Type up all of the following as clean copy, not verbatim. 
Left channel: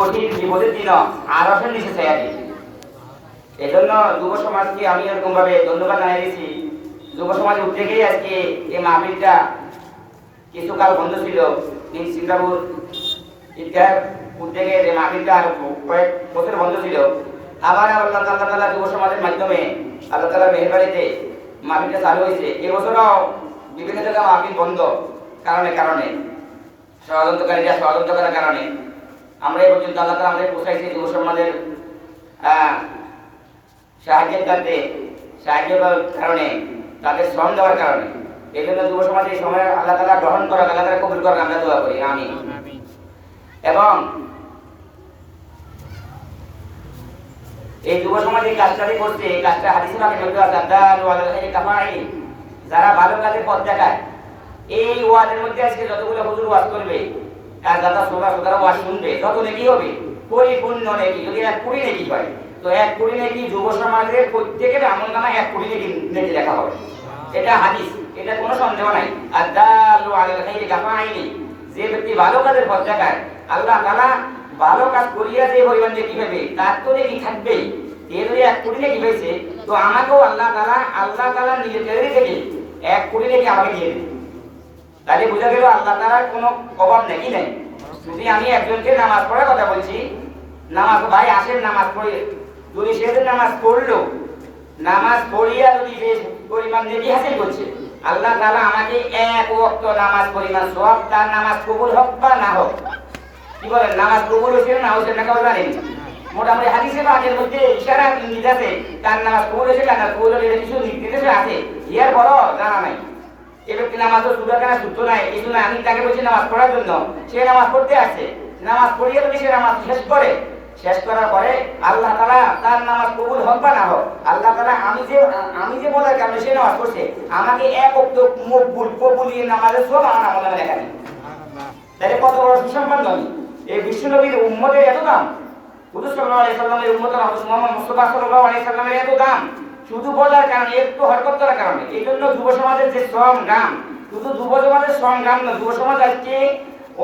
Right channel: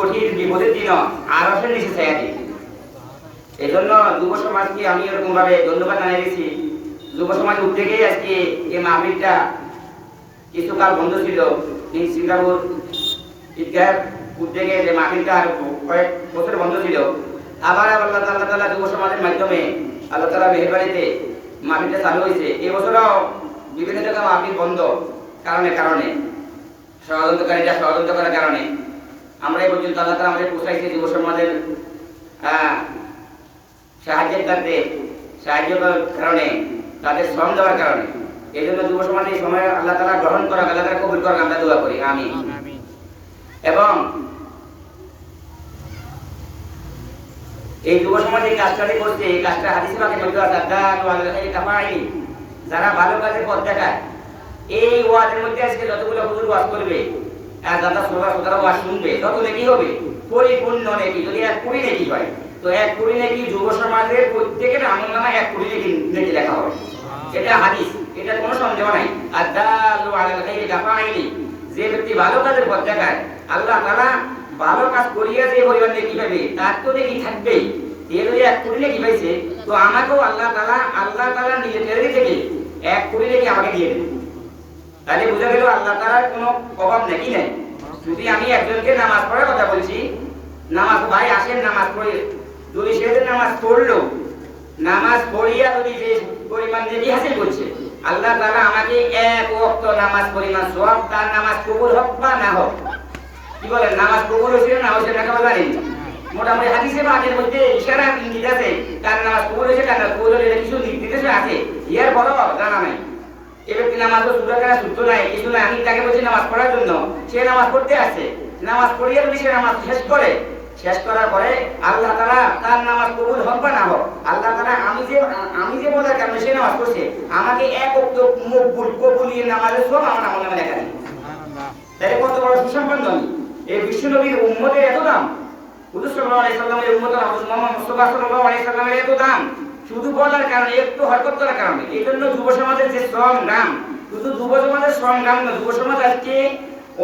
কঠিন বিপদের দিন আরশের নিচে ছায়া দিই। এই জন্য যুব সমাজকে আমি এরকম ভাবে ধন্যবাদ জানিয়ে দিচ্ছি। যুব সমাজ উদ্যোগেই আজকে এই মাহফিলটা কিছুকাল বন্ধ ছিল। সিঙ্গাপুর ঈদগাহ উদ্যোগে যে মাহফিলটা কয়েক বছর বন্ধ ছিল, আবার আল্লাহ তাআলা যুব সমাজের মাধ্যমে আল্লাহ তাআলা মেহেরবানিতে মাহফিলটা চালু হয়েছে। এবছরও বিভিন্ন জায়গায় মাহফিল বন্ধ কারণে ষড়যন্ত্রকারীরা ষড়যন্ত্র করার কারণে আমরা এই পর্যন্ত আল্লাহ তাআলা আমাদের পৌঁছাইছে যুব সমাজের সাহায্যের কারণে, তাদের শ্রম দেওয়ার কারণে। এই জন্য যুব সমাজের সময় আল্লাহ তাআলা গ্রহণ করা, আল্লাহ তাআলা কবুল করা, আমরা দোয়া করি আমিন। এবং এই যুব সমাজ এই কাজটা করছে, এই কাজটা হাদিসে পাকে বলতে আছে, যারা ভালো কাজের পথ দেখায়। এই ওয়াজের মধ্যে আজকে যতগুলো হুজুর ওয়াজ করবে আর যারা শ্রোতারা ওয়াজ শুনবে, তত নেকি হবে, পরিপূর্ণ নেকি। যদি 1 কোটি নেকি হয়, তো 1 কোটি নেকি যুব সমাজের প্রত্যেকের আমলনামায় 1 কোটি নেকি লেখা হবে। এটা হাদিস, এটা কোনো সন্দেহ নাই। আদালু আলাল খাইরি কাফাইনি, যে ব্যক্তি ভালো কাজের পথ দেখায়, আল্লাহ তাআলা ভালো কাজ করিয়া যে পরিমাণ নেকি হবে, তার তো নেকি থাকবেই। এর 1 কোটি নেকি হয়েছে, তো আমাকেও আল্লাহ তাআলা নিজের থেকে 1 কোটি নেকি আমাকে দিয়ে দেবে। তাহলে বোঝা গেল আল্লাহ তাআলার কোনো অভাব নেই নাই। যদি আমি একজনকে নামাজ পড়ার কথা বলছি, নামাজ ভাই আসেন নামাজ পড়ে, যদি সেদিন নামাজ পড়লো, নামাজ পড়িয়া যদি যে পরিমাণ নেকি হাসিল করছে, আল্লাহ তাআলা আমাকে 1 ওয়াক্ত নামাজ পরিমাণ সওয়াব, তার নামাজ কবুল হোক বা না হোক। কি বলেন, নামাজ কবুল হয়েছে না হয়েছে না কেউ জানেন? মোটামুটি হাদিসে বা আগের মধ্যে ইশারা নিয়ে আছে, কার নামাজ কবুল হয়েছে কার নামাজ কবুল হয়েছে কিছু নির্দেশ আছে, ইয়ার বড় জানা নাই। এবার নামাজ সুরাকানা সূত্র নাই, এই জন্য আমি তাকে বলছি নামাজ পড়ার জন্য, সে নামাজ পড়তে আসে, নামাজ পড়িয়ে যদি সে নামাজ শেষ করার পরে আল্লাহ তাআলা তার নামাজ কবুল হোক বা না হোক, আল্লাহ তাআলা আমি যে বলার কারণে সে নামাজ পড়ছে, আমাকে 1 ওয়াক্ত মকবুল কবুলিয়ে নামাজের সব আমার আমলনামায় লেখা দিই। তাহলে কত বড় সুসম্পন্ন আমি। এই বিশ্ব নবীর উম্মতের এত দাম, হুজুর সাল্লাল্লাহু আলাইহি সাল্লামের উম্মত মুহাম্মদ মুস্তাফা সাল্লাল্লাহু আলাইহি সাল্লামের এত দাম, শুধু বলার কারণে, একটু হরকত করার কারণে। এই জন্য যুব সমাজের যে শ্রম গান, শুধু যুব সমাজের শ্রম গান না, যুব সমাজ আজকে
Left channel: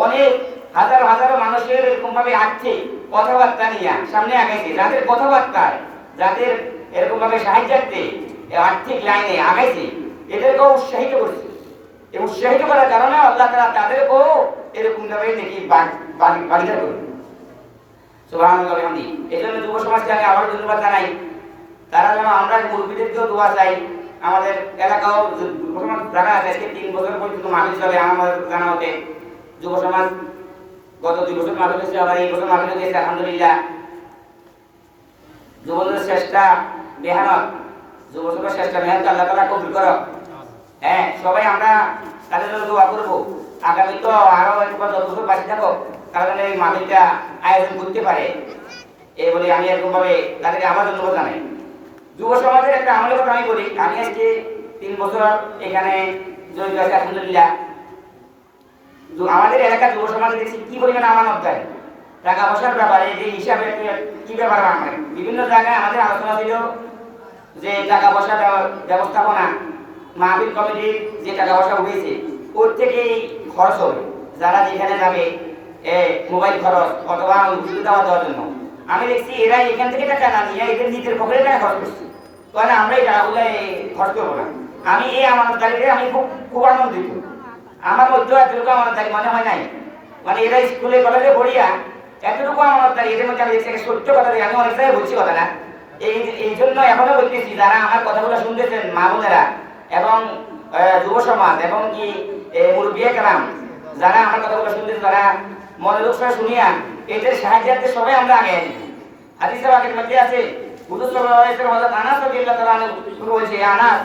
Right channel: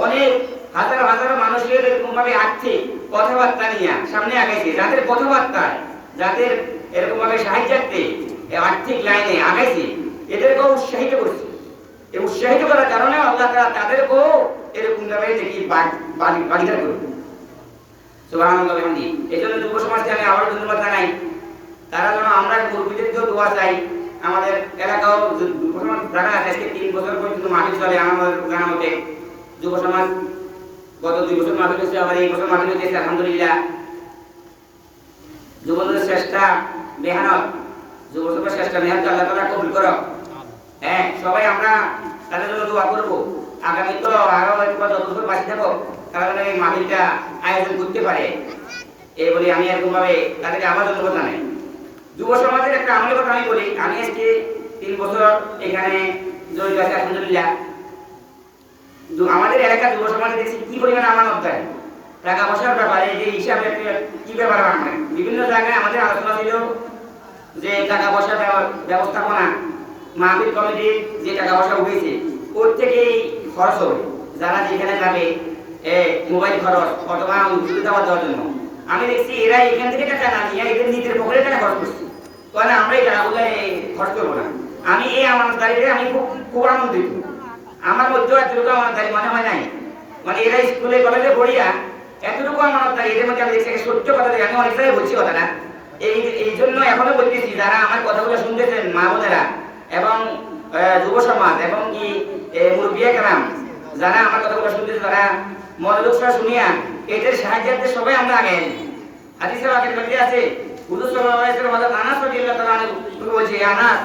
অনেক হাজার হাজার মানুষের এরকম ভাবে আসছে কথাবার্তা নিয়ে সামনে আগাইছে, যাদের কথাবার্তায়, যাদের এরকম ভাবে সাহায্যার্থে আর্থিক লাইনে আগাইছে, এদেরকেও উৎসাহিত করছে। এই উৎসাহিত করার কারণে আল্লাহ তাআলা তাদেরকেও এরকম ভাবে নাকি বাড়িয়ে করবে। সুবহানাল্লাহ আলহামদুলিল্লাহ। এই জন্য যুব সমাজকে আমি আবারও ধন্যবাদ জানাই। তারা যেন আমরা মুরব্বীদেরকেও দোয়া চাই। আমাদের এলাকাও যুব সমাজ যারা আছে, আজকে 3 বছর পর্যন্ত মাহফিল চলে আমাদের জানা মতে। যুব সমাজ গত 2 বছর মাহফিল হয়েছে, আবার এই বছর মাহফিল হয়েছে আলহামদুলিল্লাহ। যুবদের চেষ্টা মেহনত, যুবদের চেষ্টা মেহনত আল্লাহ তাআলা কবুল করো। হ্যাঁ, সবাই আমরা তাদের জন্য দোয়া করবো। আগামী তো আরো 1 বছর বাকি থাকো, কারণ এই মাহফিলটা আয়োজন করতে পারে, এই বলে আমি এরকম ভাবে তাদেরকে আমার ধন্যবাদ জানাই। যুব সমাজের একটা আমলের কথা আমি বলি। আমি আজকে 3 বছর এখানে জড়িত আছি আলহামদুলিল্লাহ। আমাদের এলাকার যুব সমাজে দেখছি কি পরিমাণে আমানত দেয় টাকা পয়সার ব্যাপারে, যে হিসাবে কি ব্যাপার। বিভিন্ন জায়গায় আমাদের আলোচনা ছিল যে টাকা পয়সা ব্যবস্থাপনা, মাহফিল কমিটির যে টাকা পয়সা উঠেছে ওর থেকেই খরচ হবে, যারা যেখানে যাবে মোবাইল খরচ অথবা সুবিধা দেওয়ার জন্য। আমি দেখছি এরা এখান থেকে টাকা না নিয়ে এদের নিজের পকেটে টাকা খরচ করছে, কারণ আমরা এই টাকাগুলো খরচ করবো না। আমি এই আমানতদারিতে আমি খুব আনন্দিত। আমার মধ্যেও এতটুকু আমানতদারি মনে হয় নাই। মানে এরা স্কুলে কলেজে পড়িয়া এতটুকু আমানতদারি, এদের মধ্যে আমি দেখছি সত্য কথা। আমি অনেক জায়গায় বলছি কথাটা, এই জন্য এখনো বলতেছি, যারা আমার কথাগুলো শুনতেছেন মা বোনেরা এবং যুব সমাজ এবং কি মুরব্বী কেরাম, যারা আমার কথাগুলো শুনতেছে, তারা মনোযোগ সহ শুনিয়া এদের সাহায্যার্থে সবাই আমরা আগে আসি। হাদিসে পাকের মধ্যে আছে, হুজুর সাল্লাল্লাহু আলাইহি ওয়াসাল্লাম হযরত আনাস রাদিয়াল্লাহু তাআলা আনহু বলছে, আনাস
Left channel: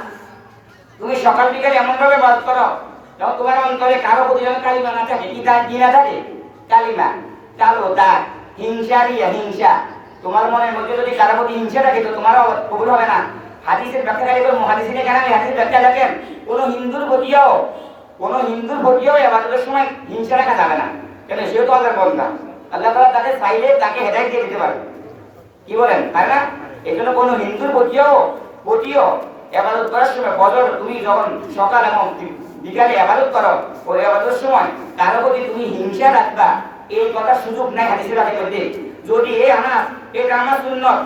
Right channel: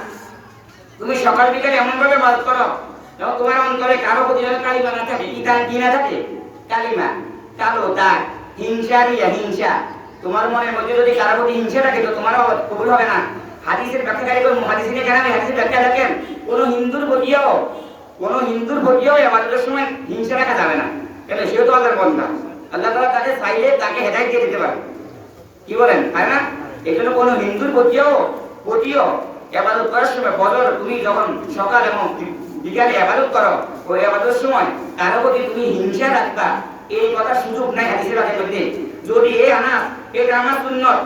তুমি সকাল বিকাল এমন ভাবে ইবাদত করো যেন তোমার অন্তরে কারো প্রতি যেন কালিমা না থাকে। কি না থাকে? কালিমা, কালো দাগ, হিংসা। তোমার মনের মধ্যে যদি কারো প্রতি হিংসা থাকে, তো তোমারও কবুল হবে না। হাদিসের ব্যাখ্যাকারী মুহাদ্দিসিনে কেরাম হাদিসের ব্যাখ্যা দেখেন, কোন হিন্দুর প্রতিও ইবাদতের সময় হিংসা রাখা যাবে না। কেন? সেও তো আল্লাহর বান্দা, আল্লাহ তাআলা তাকে চাইলে তাকে হেদায়েত দিয়ে দিতে পারে। কি বলেন, তাই না? এই জন্য কোন হিন্দুর প্রতিও ইবাদত করার সময়, ফজর তুমি যখন সকাল এবং বিকালে ইবাদত করো, ওই ইবাদতের সময় কারো প্রতি তুমি হিংসা রাখবা, এই কথা সুযোগ নাই হাদিসের বাদের মধ্যে। যদি এ আনাস এটা আমার সুন্নত,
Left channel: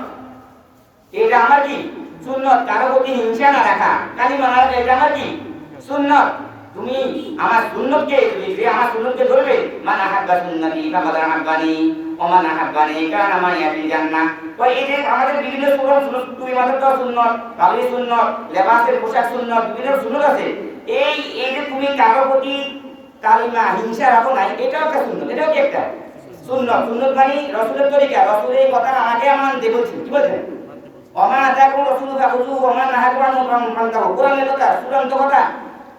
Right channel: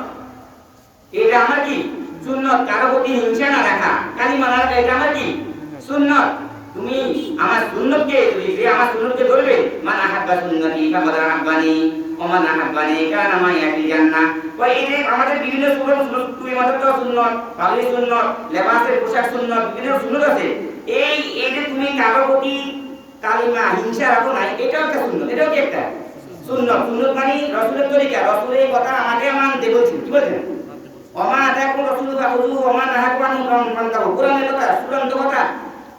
এটা আমার কি সুন্নত, কারো প্রতি হিংসা না রাখা, কালিমা না রাখা, এটা আমার কি সুন্নত। তুমি আমার সুন্নতকে যদি যে আমার সুন্নতকে ধরবে, মান আহাব্বা সুন্নতি ফাকাদ আহাব্বানি ওয়া মান আহাব্বানি কানা মাই ফিল জান্নাহ। তো এই যে আমাদের বিভিন্ন সুন্নত, তুই মাত্র তো সুন্নত, পাগড়ি সুন্নত, লেবাসের পোশাক সুন্নত, বিভিন্ন সুন্নত আছে। এই যে তুমি কারো প্রতি কালিমা হিংসা রাখো না, এটাও একটা সুন্নত, এটাও কি একটা সুন্নত। সুন্নত মানে রাসূলের তরিকা, রাসূলের এই কথা আমাকে মানতে বলছেন, কি বলছেন? ওমা আতাকুম রাসূলু ফাখুযু ওয়া মা নাহাকুম আনহু ফান্তাহু। কোরআনের কথা, চূড়ান্ত কথা।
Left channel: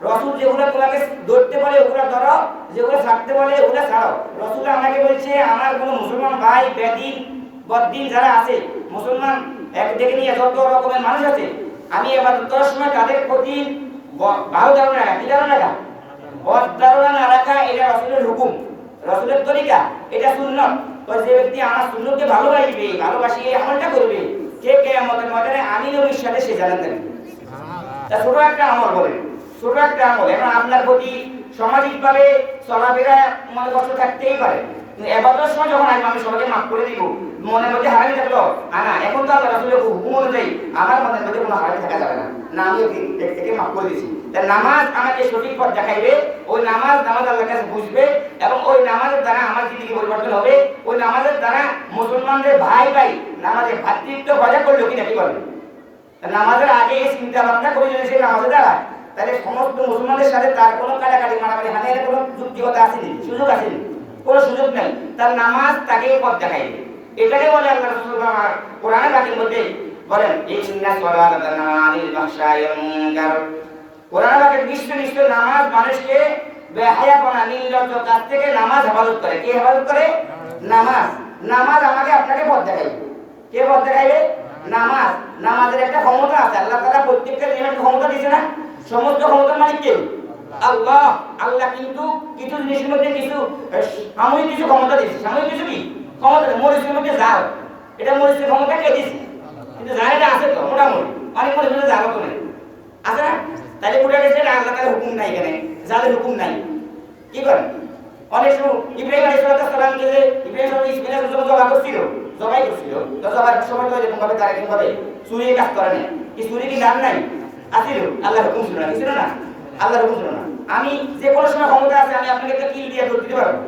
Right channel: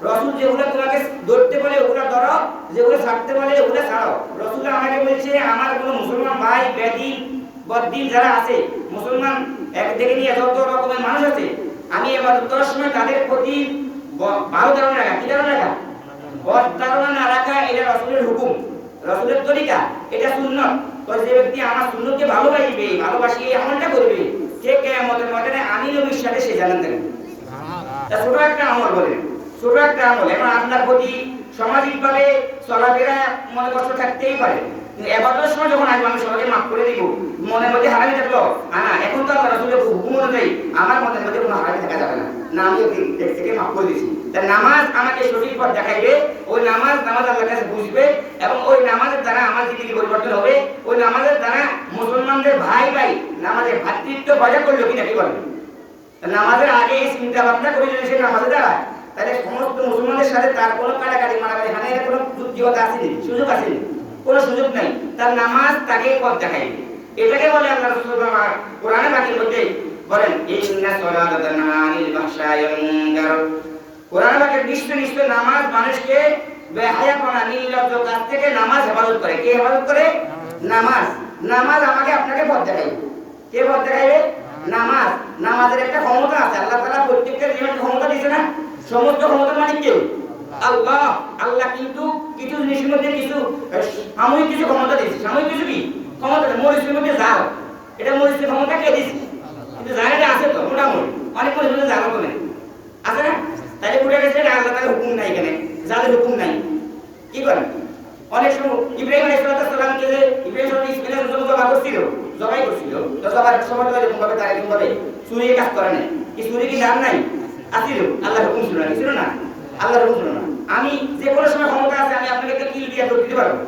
রাসূল যেগুলো তোমাকে ধরতে বলে ওগুলো ধরো, যেগুলো ছাড়তে বলে ওগুলো ছাড়ো। রাসূল আমাকে বলছে আমার কোনো মুসলমান ভাই বেদিন বদ্দিন যারা আছে, মুসলমান একদিকে নিয়ে যত রকমের মানুষ আছে, আমি ইবাদত করার সময় তাদের প্রতি ভালো ধারণা রাখা, কি ধারণা রাখা? বদ ধারণা না রাখা, এটা রাসূলের হুকুম, রাসূলের তরিকা, এটা সুন্নাত। তো যে ব্যক্তি আমার সুন্নতকে ভালোবাসবে, ভালোবাসি এই আমলটা করবে, কে কিয়ামতের ময়দানে আমি নবীর সাথে সে জান্নাত পাবে। তা ছোট একটা আমল বলেন, ছোট একটা আমল। এখন আপনার প্রতি সামাজিকভাবে চলাফেরা মনে কষ্ট থাকতেই পারে, এবাদতের সময় যখন আসবে আমি সবাইকে মাফ করে দিব, মনের মধ্যে হারামি থাকলো না, এখন তো আল্লাহ রাসূলের হুকুম অনুযায়ী আমার মনের মধ্যে কোনো হারামি থাকা যাবে না, না আমি ওকে থেকে মাফ করে দিয়েছি। তাই নামাজ আমাকে সঠিক পথ দেখাইবে, ওই নামাজ আল্লাহর কাছে বুঝবে, এবং ওই নামাজের দ্বারা আমার জিন্দেগি পরিবর্তন হবে। ওই নামাজের দ্বারা মুসলমানদের ভাই ভাই নামাজের ভ্রাতৃত্ব বজায় করলো কিনা কি বলবে? নামাজের আগে এই চিন্তা ভাবনা করে যদি সে নামাজে দাঁড়ায়, তাহলে সমস্ত মুসলমানদের সাথে তার কোনো কাটাকাটি মারামারি হানাহানি কোনো যুক্তিকতা আসেনি, সুযোগ আসেনি, কোনো সুযোগ নাই। তার নামাজ তাকে পথ দেখাইবে। এটাকে বলে আল্লাহ রাসূল কোরআনে পাকের মধ্যে বলেন, ইন্না সলাতা তানহা আনিল ফাহশাই ওয়াল মুনকার। কোরআনে পাকের নিশ্চয় নামাজ মানুষকে বেহায়াপনা নির্লজ্জ কাজ থেকে নামাজ হেফাজত করে। কে হেফাজত করে? নামাজ। নামাজ আমাকে আপনাকে পথ দেখাইবে। কে পথ দেখাইবে? নামাজ। নামাজের একটা ক্ষমতা আছে, আল্লাহ তাআলা প্রত্যেকটা জিনিসের ক্ষমতা দিয়েছে না? সমস্ত ক্ষমতার মালিক কে? আল্লাহ। আল্লাহ কিন্তু কিছু জিনিসের মধ্যে কিছু সাময়িক কিছু ক্ষমতা দিয়েছে। সাময়িক কিছু কি ক্ষমতা? মরিচের মধ্যে জাল, এটা মরিচের ক্ষমতা কে দিয়েছে? কিন্তু জালটা আছে তো মোটামুটি, অনেক মরিচের মধ্যে জালও তো নেই, আছে না? তাহলে উঠে গেছে এটা আল্লাহ তাআলার হুকুম নাই, এখানে জালের হুকুম নাই। কি করেন? অনেক সময় ইব্রাহিম আলাইহিস সালামকে যে ইব্রাহিম ইসমাঈলের জন্য জবাই করছিল, তো জবার সময় তো এরকম ভাবে তারা এরকম ভাবে চুরির কাজ করে না, কি চুরি কি লাভ নাই? আসিল, আল্লাহর হুকুম ছিল না, ছিল না? আল্লাহর হুকুম ছিল না। আমি যে কোনো সময় ক্ষমতা আছে, আমি আপনাকে একটা কিল দিয়ে ধরে দিতে পারবো,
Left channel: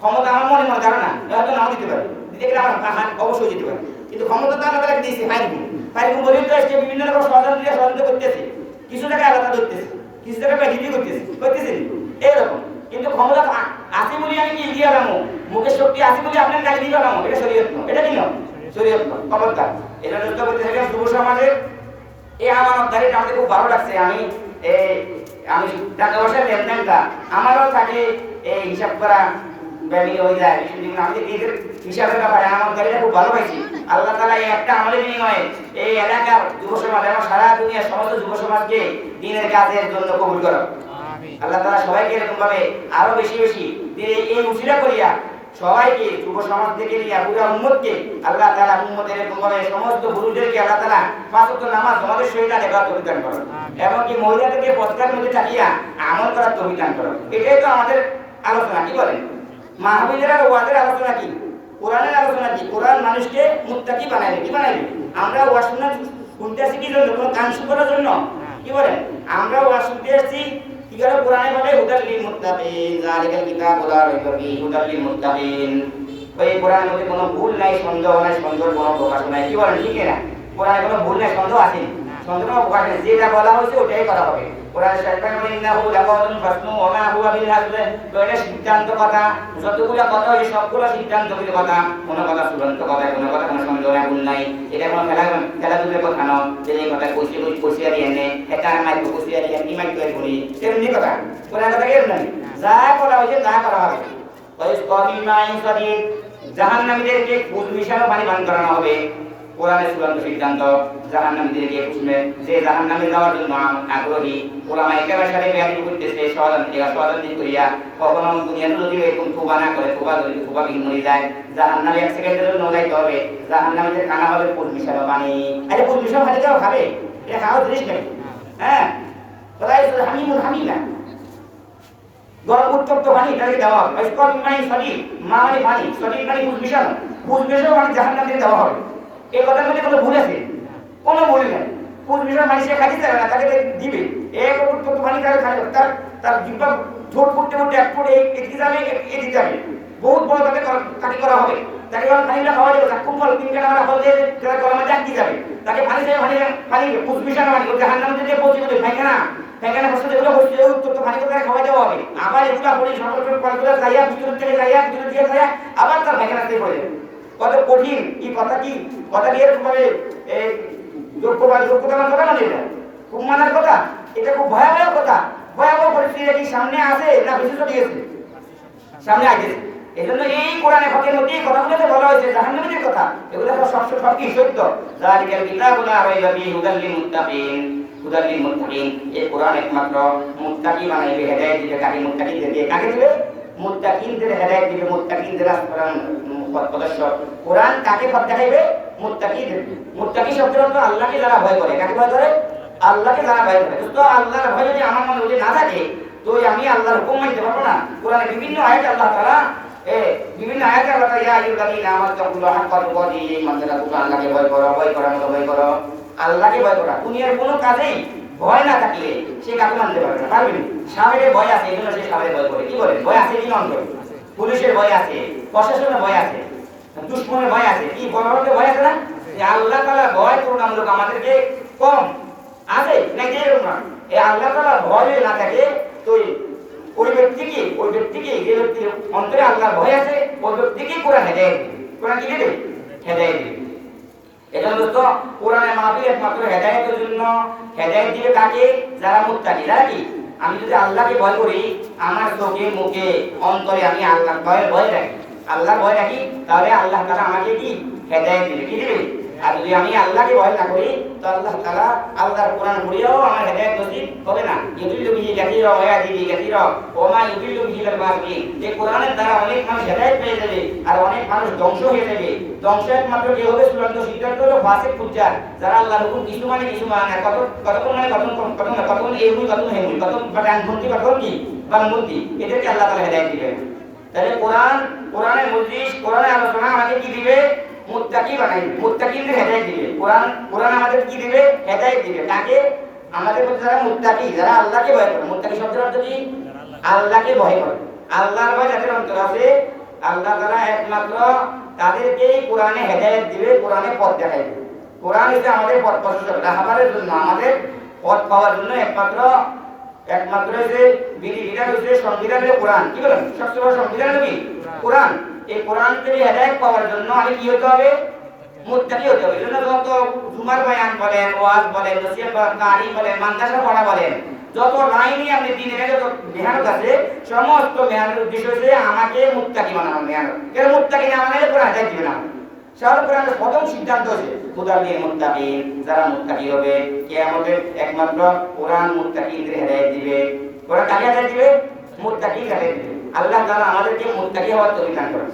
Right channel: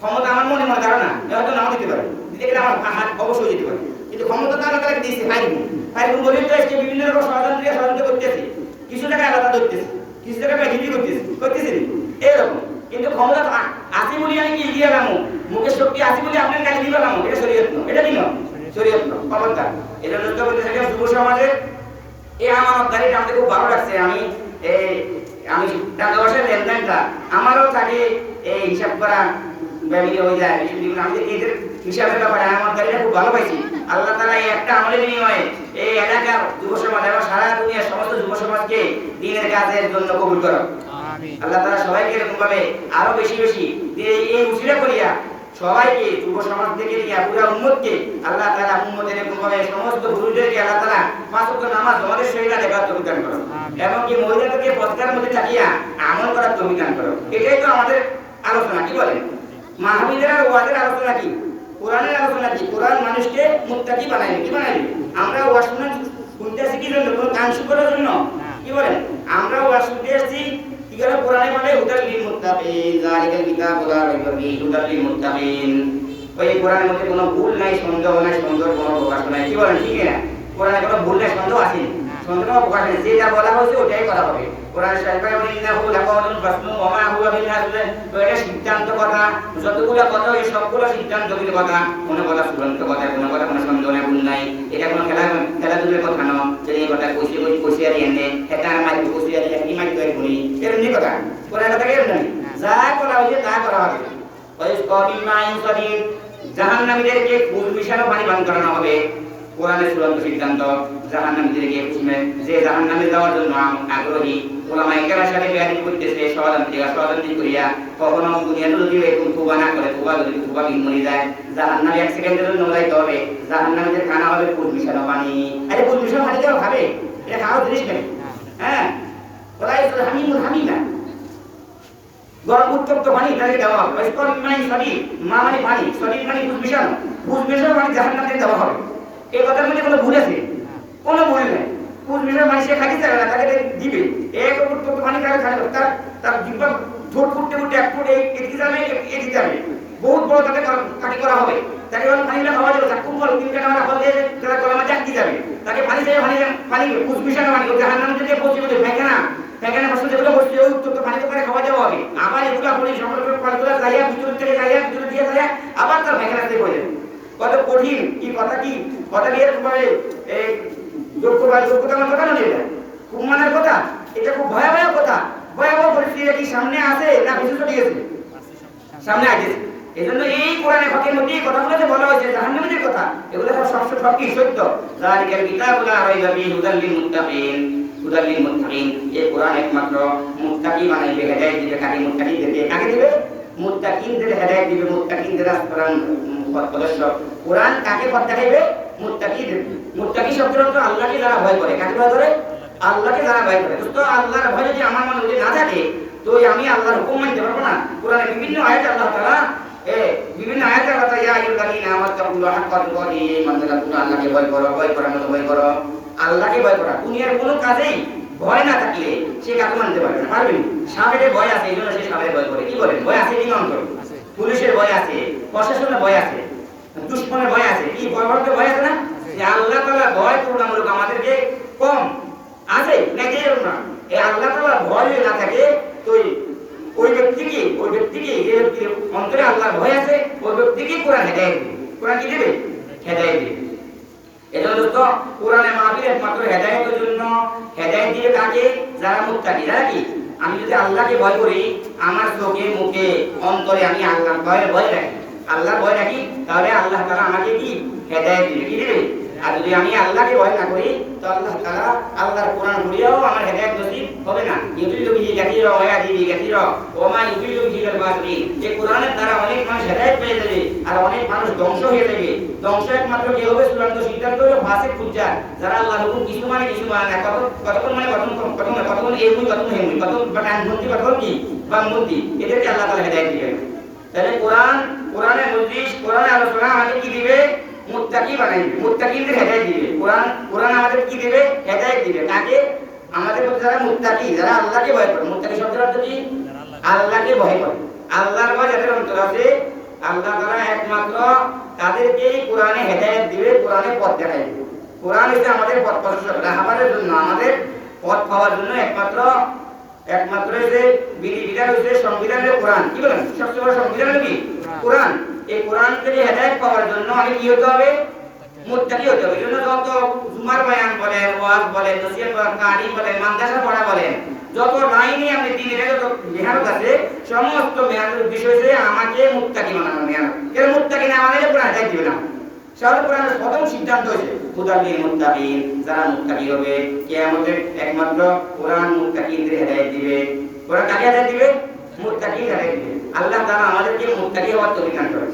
ক্ষমতা আমার মনে মনে ধারণা, হয়তো নাও দিতে পারে, দিতে গেলে আমার হাত অবশ্যই যেতে পারে, কিন্তু ক্ষমতা তো আল্লাহ তাআলা দিয়েছে। ফাইরুম বলেই তো আজকে বিভিন্ন রকম ষড়যন্ত্র করতেছে, কিছু জায়গায় আল্লাহ তাআলা ধরতেছে, কিছু জায়গায় বেজিবি করতেছে এরকম। কিন্তু ক্ষমতা আছে বলি আমি কি দিয়ে এলাম, মুখের শক্তি আছে বলি আপনার গালি দিয়ে এলাম, এটা শরীয়ত নয়, এটা কি নয়? শরীয়ত নয়, ক্ষমতা। এটা নষ্ট করতে থাকে যুব সমাজের এই আমানতদারিটা আমাকে খুব ভালো লাগছে। আমি টাকা পয়সার লেনদেনটা আমারও থাকে এই হিসাব করা ব্যবহৃত হয়ে যায়, আমি এদের হিসাবের ব্যাপারে আমানতদারিটা খুব ভালো পাইছি। আল্লাহ তাআলা এই একটা আমলের বিনিময়ে এই এলাকার যুব সমাজ এবং সারা দুনিয়ার সমস্ত যুব সমাজকে দ্বীনের কাজের জন্য কবুল করো। আল্লাহ তাআলা সবাইকে এরকম ভাবে আরো বেশি বেশি এই উসিলা করিয়া সবাইকে যুব সমাজ থেকে নিয়ে পুরো উম্মতকে আল্লাহ তাআলা উম্মতের এরকম ভাবে সমস্ত গুরুদেরকে আল্লাহ তাআলা পাঁচ ওয়াক্ত নামাজ জমাদের সহিত দেবার তৌফিক দান করো, এবং কি মহিলাদেরকে পদ্মার মধ্যে থাকিয়া আমল করার তৌফিক দান করো। এটাই তো আমাদের আলোচনা, কি বলেন? মাহফিলের আর ওয়াজের আলোচনা কি? কোরআনের আলোচনা কি? কোরআন মানুষকে মুত্তাকি বানাইবে, কি বানাইবে? আমরা ওয়াজ শুনতে আসি কি জন্য? কোনো গান করার জন্য? কি বলেন? আমরা ওয়াজ শুনতে আসছি কি করে? কোরআনে বলে হুদাল লিল মুত্তাকিন, যালিকাল কিতাবু লা রাইবা ফীহি হুদাল লিল মুত্তাকিন। ওই কোরআনের মধ্যে কোনো ভুল নাই, সন্দেহ নাই, সন্দেহের কোনো প্রকাশ নাই, কি বলেন? ঠিক না? কোরআনে কোনো ভুল নাই, সন্দেহ আছে, সন্দেহ প্রকাশ নেই, যেটা বলা হয়েছে ওটাই করা হবে। কোরআন শরীফে বলে ইন্নাহু লাকাওলুন ফাসলু ওয়া মা হুয়া বিল হাজল। তো এটা সিদ্ধান্ত কথা, যতগুলো কথা এই সবগুলো সিদ্ধান্তগুলো কথা, কোনো কথা চূড়ান্ত কথা, কোনো কথা কোনো সন্দেহ নাই, ভুল নাই। এটা কোনো খেলাধুলার কথা নয় যে এই কথা কষিয়ারি এনে এটা মাইক কষিয়ারি কি মাইক তৈরি করি, এরকম কথা। কোরআন কথা এরকম নেই, যা করা হয়েছে তা করা হবে। জাহান্নামীদেরকে কুল মিশানো পানি পান করানো হবে। কোরআনের চূড়ান্ত সিদ্ধান্ত, জাহান্নামীদেরকে যে জাহান্নামে যাওয়ার জন্য আগ্রহী ওলামায়ে কেরামের সাথে বেয়াদবি করতেছে, ষড়যন্ত্র করিয়া কখনো দুনিয়াতে যদি এরকম তোবা না করে, তোবা বিহীন মরে যায়, জাহান্নামে এক সেকেন্ডের জন্য লাইতে হবে। জাহান্নামীদের খানা হবে কুল মিশানো পানি। আরে কুল মিশানো পানি কেউ খাবে? এটা খাওয়ার জিনিস নেই। হ্যাঁ, ওলাই হামিমুন হামিমা, গরম উত্তপ্ত পানি তাদেরকে দেওয়া হবে। স্তর মানে সরি, মা মানে পানি, সরি মানে পুষ মিশানো, পুষ মিশানো মানে জাহান্নামে দেওয়া হবে। এই কথার মধ্যে কোনো ভুল আছে? কোনো ভুল নেই। পুষ মিশানো মানে সে খাইতে চাবে না, তাকে দিবে। এক উত্তপ্ত পানি তাকে খাবে, তার তার জিহ্বা ঠোঁট ফুটতে ফুটতে এক ফুট এদিকে যাবে, এদিকে যাবে, বহুত বড় তাকে করা হবে। তাকে যখন পানিটা খাওয়া যাবে, চাক্ষুম ফল 3 কাটা আমরা ফল দিয়ে গরমে চাকতি যাবে, তাকে পানি চাই, পানি পুষ মিশানো মানে জাহান্নামে যদি পৌঁছে দেবে পায়খানা পায়খানা বসে যেগুলো বসে ওই উত্তপ্ত পানি করে খাওয়া দেওয়া হবে। আবার এগুলো পড়ে সংরক্ষণ পানিগুলো যাইয়া ভিতর থেকে যাইয়া ভিতর দিয়ে যাইয়া আবার তার পায়খানাতে পড়ে যাবে। কত কঠিন কি কথা, কি কথা দিয়ে তোমাকে যোগ্যতা কথা না, এটা খুব মানার কথা, এটা খুব ভয়াবহ কথা। ভয়াবহ পরিস্থিতি সামনে আসে না বেশি চলিয়েছে, সামনে আসছে। এই জন্য এই কোরআনে ফাঁকের মধ্যে এই কথাগুলোতে বলা হয়েছে জাহান্নামীদের কথা, এগুলো সব কি সত্য। যালিকাল কিতাবু লা রাইবা ফীহি হুদাল লিল মুত্তাকিন, হুদাল লিল মুত্তাকিন। এই কোরআন একমাত্র মুত্তাকি বানাইবে, হেদায়েত দিবে। কাকে? মুত্তাকিনদেরকে। কাকে দিবে? মুত্তাকিনদের হেদায়েত দিবে, মুত্তাকিনদের আসমান সদস্য। কোরআন কাকে পথ দেখাইবে? মুত্তাকিদের। মুত্তাকি শব্দের অর্থ আল্লাহকে যারা ভয় করে। কাকে ভয় করে? আল্লাহকে যারা ভয় করে। তো আল্লাহর ভয় যদি আমার মনে যদি না থাকে, তো আমি আল্লাহর হুকুম মানতে পারবো না। কোরআনে বিভিন্ন আয়াতে আল্লাহ তাআলা বিভিন্ন আয়াতে আল্লাহ তাআলা ইয়া আইয়ুহাল্লাযীনা আমানুত্তাকুল্লাহা হাক্কা তুকাতিহি, তোমরা আল্লাহকে ভয় করো, ভয় করার মতো ভয় করো। আল্লাহকে ভয় করা। দুনিয়ার কোনো কাজেই ভয় না থাকলে সে কাকে মানতে পারবে না, পারবে না। সামনে ভয় আছে, এই জন্য সে সামনে ভয় করে। কি করে? ভয় আছে এই অন্তর। পুলিশের ভয় আছে, প্রশাসনের ভয় আছে, দুশ্মনের ভয় আছে। কি ভয় আছে না? যে আল্লাহ তাআলা ভয় তুলনামূলক আমাদেরকে কম আছে নাকি? এরকম না। এই আল্লাহ তাআলা ভয় না থাকে তো ওই ব্যক্তিকে যে ব্যক্তির অন্তরে আল্লাহর ভয় আছে, ওই ব্যক্তিকে কোরআন হেদায়েত দিবে। কোরআন কি দিবে? হেদায়েত দিবে। এজন্য দোস্ত, কোরআনে মাহফিল একমাত্র হেদায়েতের জন্য। হেদায়েত দিবে কাকে? যারা মুত্তাকি। যারা কি? আমি যদি আল্লাহকে ভয় করি, আমার চোখে মুখে অন্তরে আমি আল্লাহর ভয় রাখি, আল্লাহর ভয় রাখি, তাহলে আল্লাহ তাআলা আমাকে কি হেদায়েত দিবে। কি দিবে? আর যদি আমি আল্লাহকে ভয় না করি, তো আল্লাহ তাআলা আল্লাহর কোরআন পড়িয়াও আমার হেদায়েত নসিব হবে না। ইউদিল্লু বিহি কাসীরা ওয়া ইয়াহদি বিহি কাসীরা ওয়া মা ইউদিল্লু বিহি ইল্লাল ফাসিকিন। এই কোরআনের দ্বারা অনেক মানুষ হেদায়েত পেয়ে যাবে আর অনেক মানুষ ধ্বংস হয়ে যাবে। ধ্বংস একমাত্র কে হবে? চূড়ান্ত সিদ্ধান্ত হলো ফাসিক ফুজ্জার, যারা আল্লাহর হুকুম কিছু মানে কিছু মানে না, কতক্ষণ মানে কতক্ষণ এগুলো কতক্ষণ হেমুল, কতক্ষণ বাটানবন্দি, কতক্ষণ কি বামবন্দি, এদেরকে আল্লাহ তাআলা হেদায়েত দিবেন। তাহলে কোরআনের মজলিস, কোরআনের আলোচনা আমাদের কি দিবে? মুত্তাকি বানাই দিবে, মুত্তাকিদের হেদায়েত দিবে। কোরআন আমাদের কি দিবে? হেদায়েত দিবে। কাকে? আমাদের মধ্যে যারা মুত্তাকি, যারা আল্লাহকে ভয় করে। মুত্তাকি শব্দের অর্থ কি? আল্লাহকে ভয় করে। আল্লাহর ভয় যাদের অন্তরে আছে, আল্লাহ তাআলা একমাত্র তাদেরকেই কোরআনে হেদায়েত দিবে, কোরআনে পথ দেখাইবে। কোরআন হচ্ছে আমাদের পথ প্রদর্শক, রাহবারের জন্য, আমাদের পথ পাওয়ার জন্য একমাত্র যে বিধিবিধান হচ্ছে সংবিধানের কোরআন। কি বলেন? সবচেয়ে বড় সংবিধান কি? কোরআন। এই কোরআন থেকে হেদায়েত পাওয়ার জন্য আমি কি হতে হবে? মুত্তাকি হতে হবে। এজন্য যত জুমার বয়ান বলেন, ওয়াজ বলেন, নসিহত বলেন, কারি বলেন, মাদ্রাসা পড়া বলেন, যত লাইনে আপনি দিনের যত মেহনত আছে, সমস্ত মেহনতের উদ্দেশ্য হচ্ছে আমাকে মুত্তাকি বানানো। মেহনত কেন? মুত্তাকি না বানালে কোরআন হেদায়েত দিবে না। শাহরুখ কোরআনের প্রথম সিদ্ধান্ত হচ্ছে হুদাল লিল মুত্তাকিন, যারা মুত্তাকি হবে। কিয়ামতে একমাত্র কোরআন মুত্তাকিদের হেদায়েত দিবে। কোরআন কাকে হেদায়েত দিবে? মুত্তাকি হেদায়েত দিবে। আল্লাহ তাআলা আমাদেরকে মুত্তাকি হওয়ার তৌফিক দান করুন।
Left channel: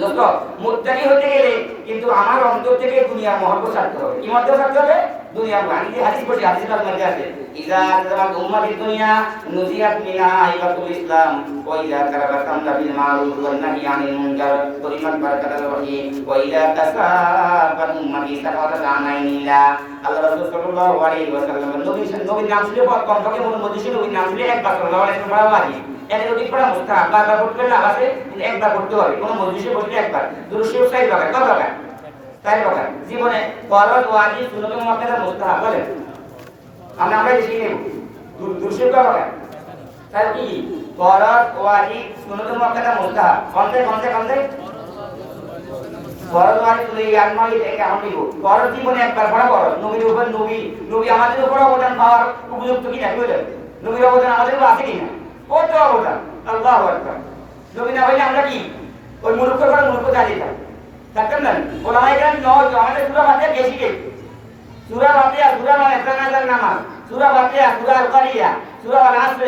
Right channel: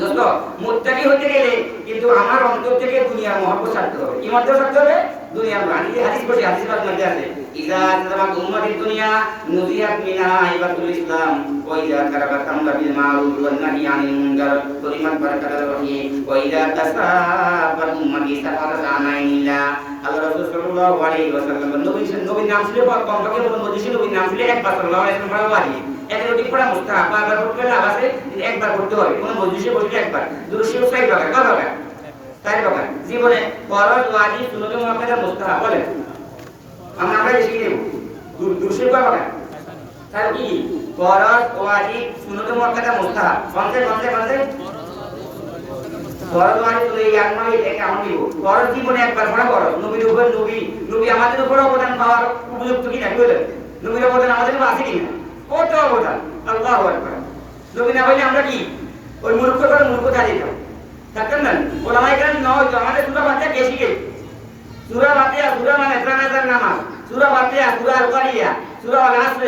দোস্ত, মুত্তাকি হতে গেলে কিন্তু আমার অন্তর থেকে দুনিয়ার মহব্বত ছাড়তে হবে। কি মহব্বত ছাড়তে হবে? দুনিয়ার মহব্বত। আমি হাদিস পড়ছি, হাদিসের মধ্যে আছে ইজা তারাক উম্মাতিদ দুনিয়া নুজিয়াত মিনা ইবাদুল ইসলাম ওয়া ইজা তারাকা আমরা বিল মারুফ ওয়া নাহি আনিল মুনকার পরিমান বারাকাতুর রহিম ওয়া ইজা তাসাবাত উম্মতি সাফাতাত আনাইলা। আল্লাহ রাসূল সাল্লাল্লাহু আলাইহি ওয়াসাল্লাম নবীর নাম ছিল কমপক্ষে মধ্যে নবীর নাম ছিল একবার সাল্লাল্লাহু আলাইহি ওয়াসাল্লাম। এদের অধিক পড়া মুস্তাহাব, বারবার পড়তে হলে আবার একবার পড়তে হবে। কোন মজলিসে বসলে একবার। দুরূদ শরীফ 4 ভাগ, কত ভাগ? 4 ভাগ। জীবনে ফরজ, ওয়াজিব, সুন্নাত, মুআক্কাদা, মুস্তাহাব বলেন। আমরা শিখে নেব। দুরূদ শরীফ কত ভাগ? তাহলে কি? ফরজ, ওয়াজিব, সুন্নাত, মুআক্কাদা, মুস্তাহাব। কোনতে? ফরজ, ওয়াজিব এই একমাত্র এটা আমরা নিব। ফরজ জীবনে একবার পড়া ফরজ। নবীর উপর নবী আমাদের উপর অবদান পাওয়ার উপযুক্ত কিনা? কি বলেন? নবীর অবদান আমাদের উপর আছে কিনা? কত অবদান! আল্লাহু আকবার। নবী না হইলে আমরা কি ওই মূর্খ দাঁড়িয়ে থাকতাম না? ওলামায়ে কেরাম নয়, আমাদের সূরা ফাতিহা কে শিখে? সূরা ফাতিহা, সূরা মানে জানাজার নামাজ, সূরা ফাতিহা, সূরা আল-কারিয়া, সূরা আল-আসর,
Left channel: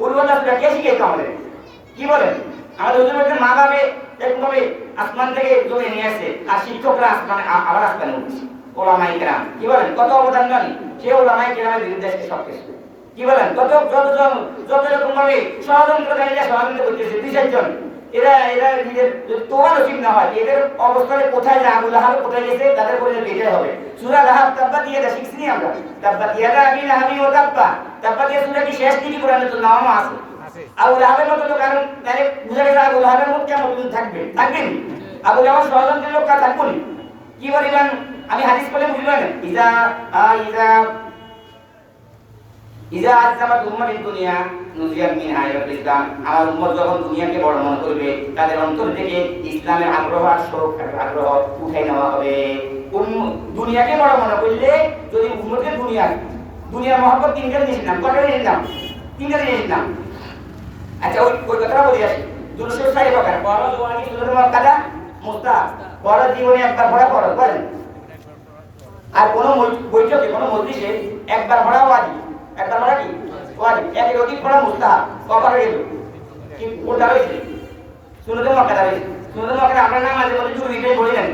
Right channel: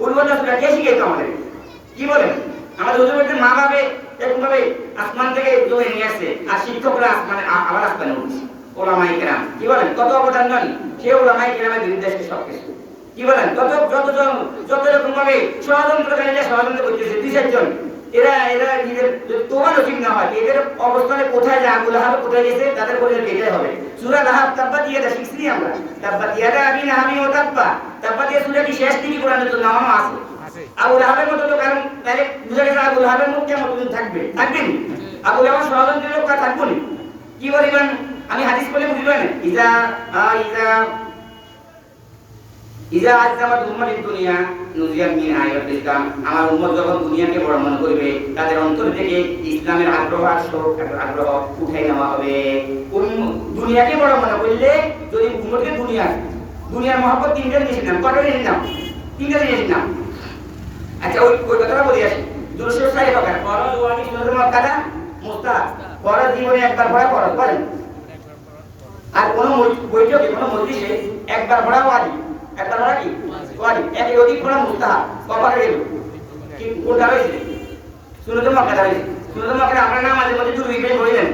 কুল সূরা কে শিখে আমাদের? কি বলেন? আমাদের হুজুরের মা বাবা এরকমভাবে আসমান থেকে জমে নিয়ে আসছে, আর শিক্ষকরা আসমানে আবার আসমানে উঠছে। ওলামায়ে কেরাম কি বলেন? কত অবদান জানি? সে ওলামায়ে কেরামের বিরুদ্ধে সব কিছু কি বলেন? যত রকম ভাবে ষড়যন্ত্রকারীরা ষড়যন্ত্র করতেছে, 2-4 জন, এরা নিজের তোমার নসিব না হয় এদের অবস্থানে কোথায় যায়, আবু লাহাব কোথায় গেছে, তাদের পরিণতি এটাই হবে। সূরা লাহাব তাব্বাত ইয়াদা শিখছি আমরা, তাব্বাত ইয়াদা আবি লাহাবি ওয়া তাব্বা, তাব্বাত ইয়াদা সূরা কি শেষ দিকে কোরআনে তো নামানো আছে। আবু লাহাবের মতো তো, কারণ তাহলে বুঝা গেছে আবু লাহাবের মুখ কেমন থাকবেন, আবু লাহাব ষড়যন্ত্রের লোক থাকবেন কি পরিমাণ। আমি হাদিস বলে বুঝলাম, ইজা ইজা ইজা আজমাত উম্মাতিদ দুনিয়া নুজিয়া মিন আয়াতিল ইসলাম, আমার উম্মত যখন দুনিয়াকে বড় মনে করবে, তাদের অন্তর থেকে ইসলামের আগ্রহ আর শোক আগ্রহ উঠাই নেওয়া হবে। দুনিয়াকে বড় মনে করলে যদি উম্মতের দুনিয়ার মহব্বত তিনটা জিনিসের নাম, কটা জিনিসের নাম? তিনটা জিনিসের নাম। আচ্ছা ওই কথাটা বলি আসি। দুরুদের 4 প্রকার: ফরজ, ওয়াজিব, সুন্নাত, মুআক্কাদা, মুস্তাহাব। ফরজ জীবনে একবার পড়া ফরজ, বলেন। আর কোন বৈঠকে কোন মজলিসে একবার পড়া ওয়াজিব, একবার পড়া কি ওয়াজিব, এর অধিক পড়া মুস্তাহাব। কবার গেল কি কোনটা হইছে? সুন্নাত মুআক্কাদা হইছে। সুন্নাত মুআক্কাদা আমরা নামাজের মধ্যে দুই বিকেট পড়লেন,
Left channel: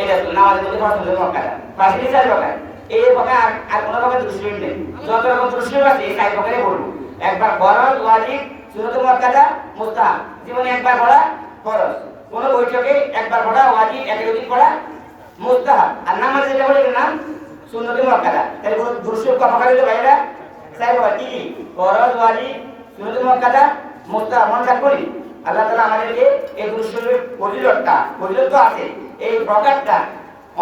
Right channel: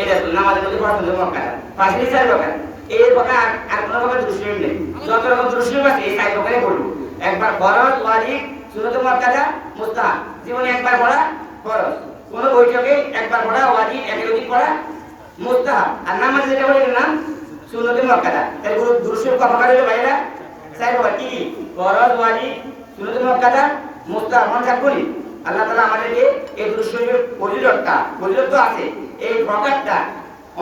এটা তো নামাজের মধ্যে পড়া সুন্নাত মুআক্কাদা। পাঁচটি 4 প্রকার। এই প্রকার আর কোন প্রকার দুরুদ নেই। যত রকম দুরুদ আছে এই 4 প্রকারে পড়ব। একবার ফরজ, ওয়াজিব, সুন্নাত মুআক্কাদা, মুস্তাহাব। জীবনে একবার পড়া ফরজ, কোন বৈঠকে একবার পড়া ওয়াজিব, এর অধিক পড়া মুস্তাহাব। আর নামাজে যেটা বলে নাম সুন্নাত মুআক্কাদা। তাই দুরুদ কত প্রকার হলো ভাইরা? 4 প্রকার। কি? ফরজ, ওয়াজিব, সুন্নাত মুআক্কাদা, মুস্তাহাব। মনে রাখবেন আল্লাহ তাআলা আমাদেরকে এই দুরুদের ফজিলত তো আছে, এই প্রকারটা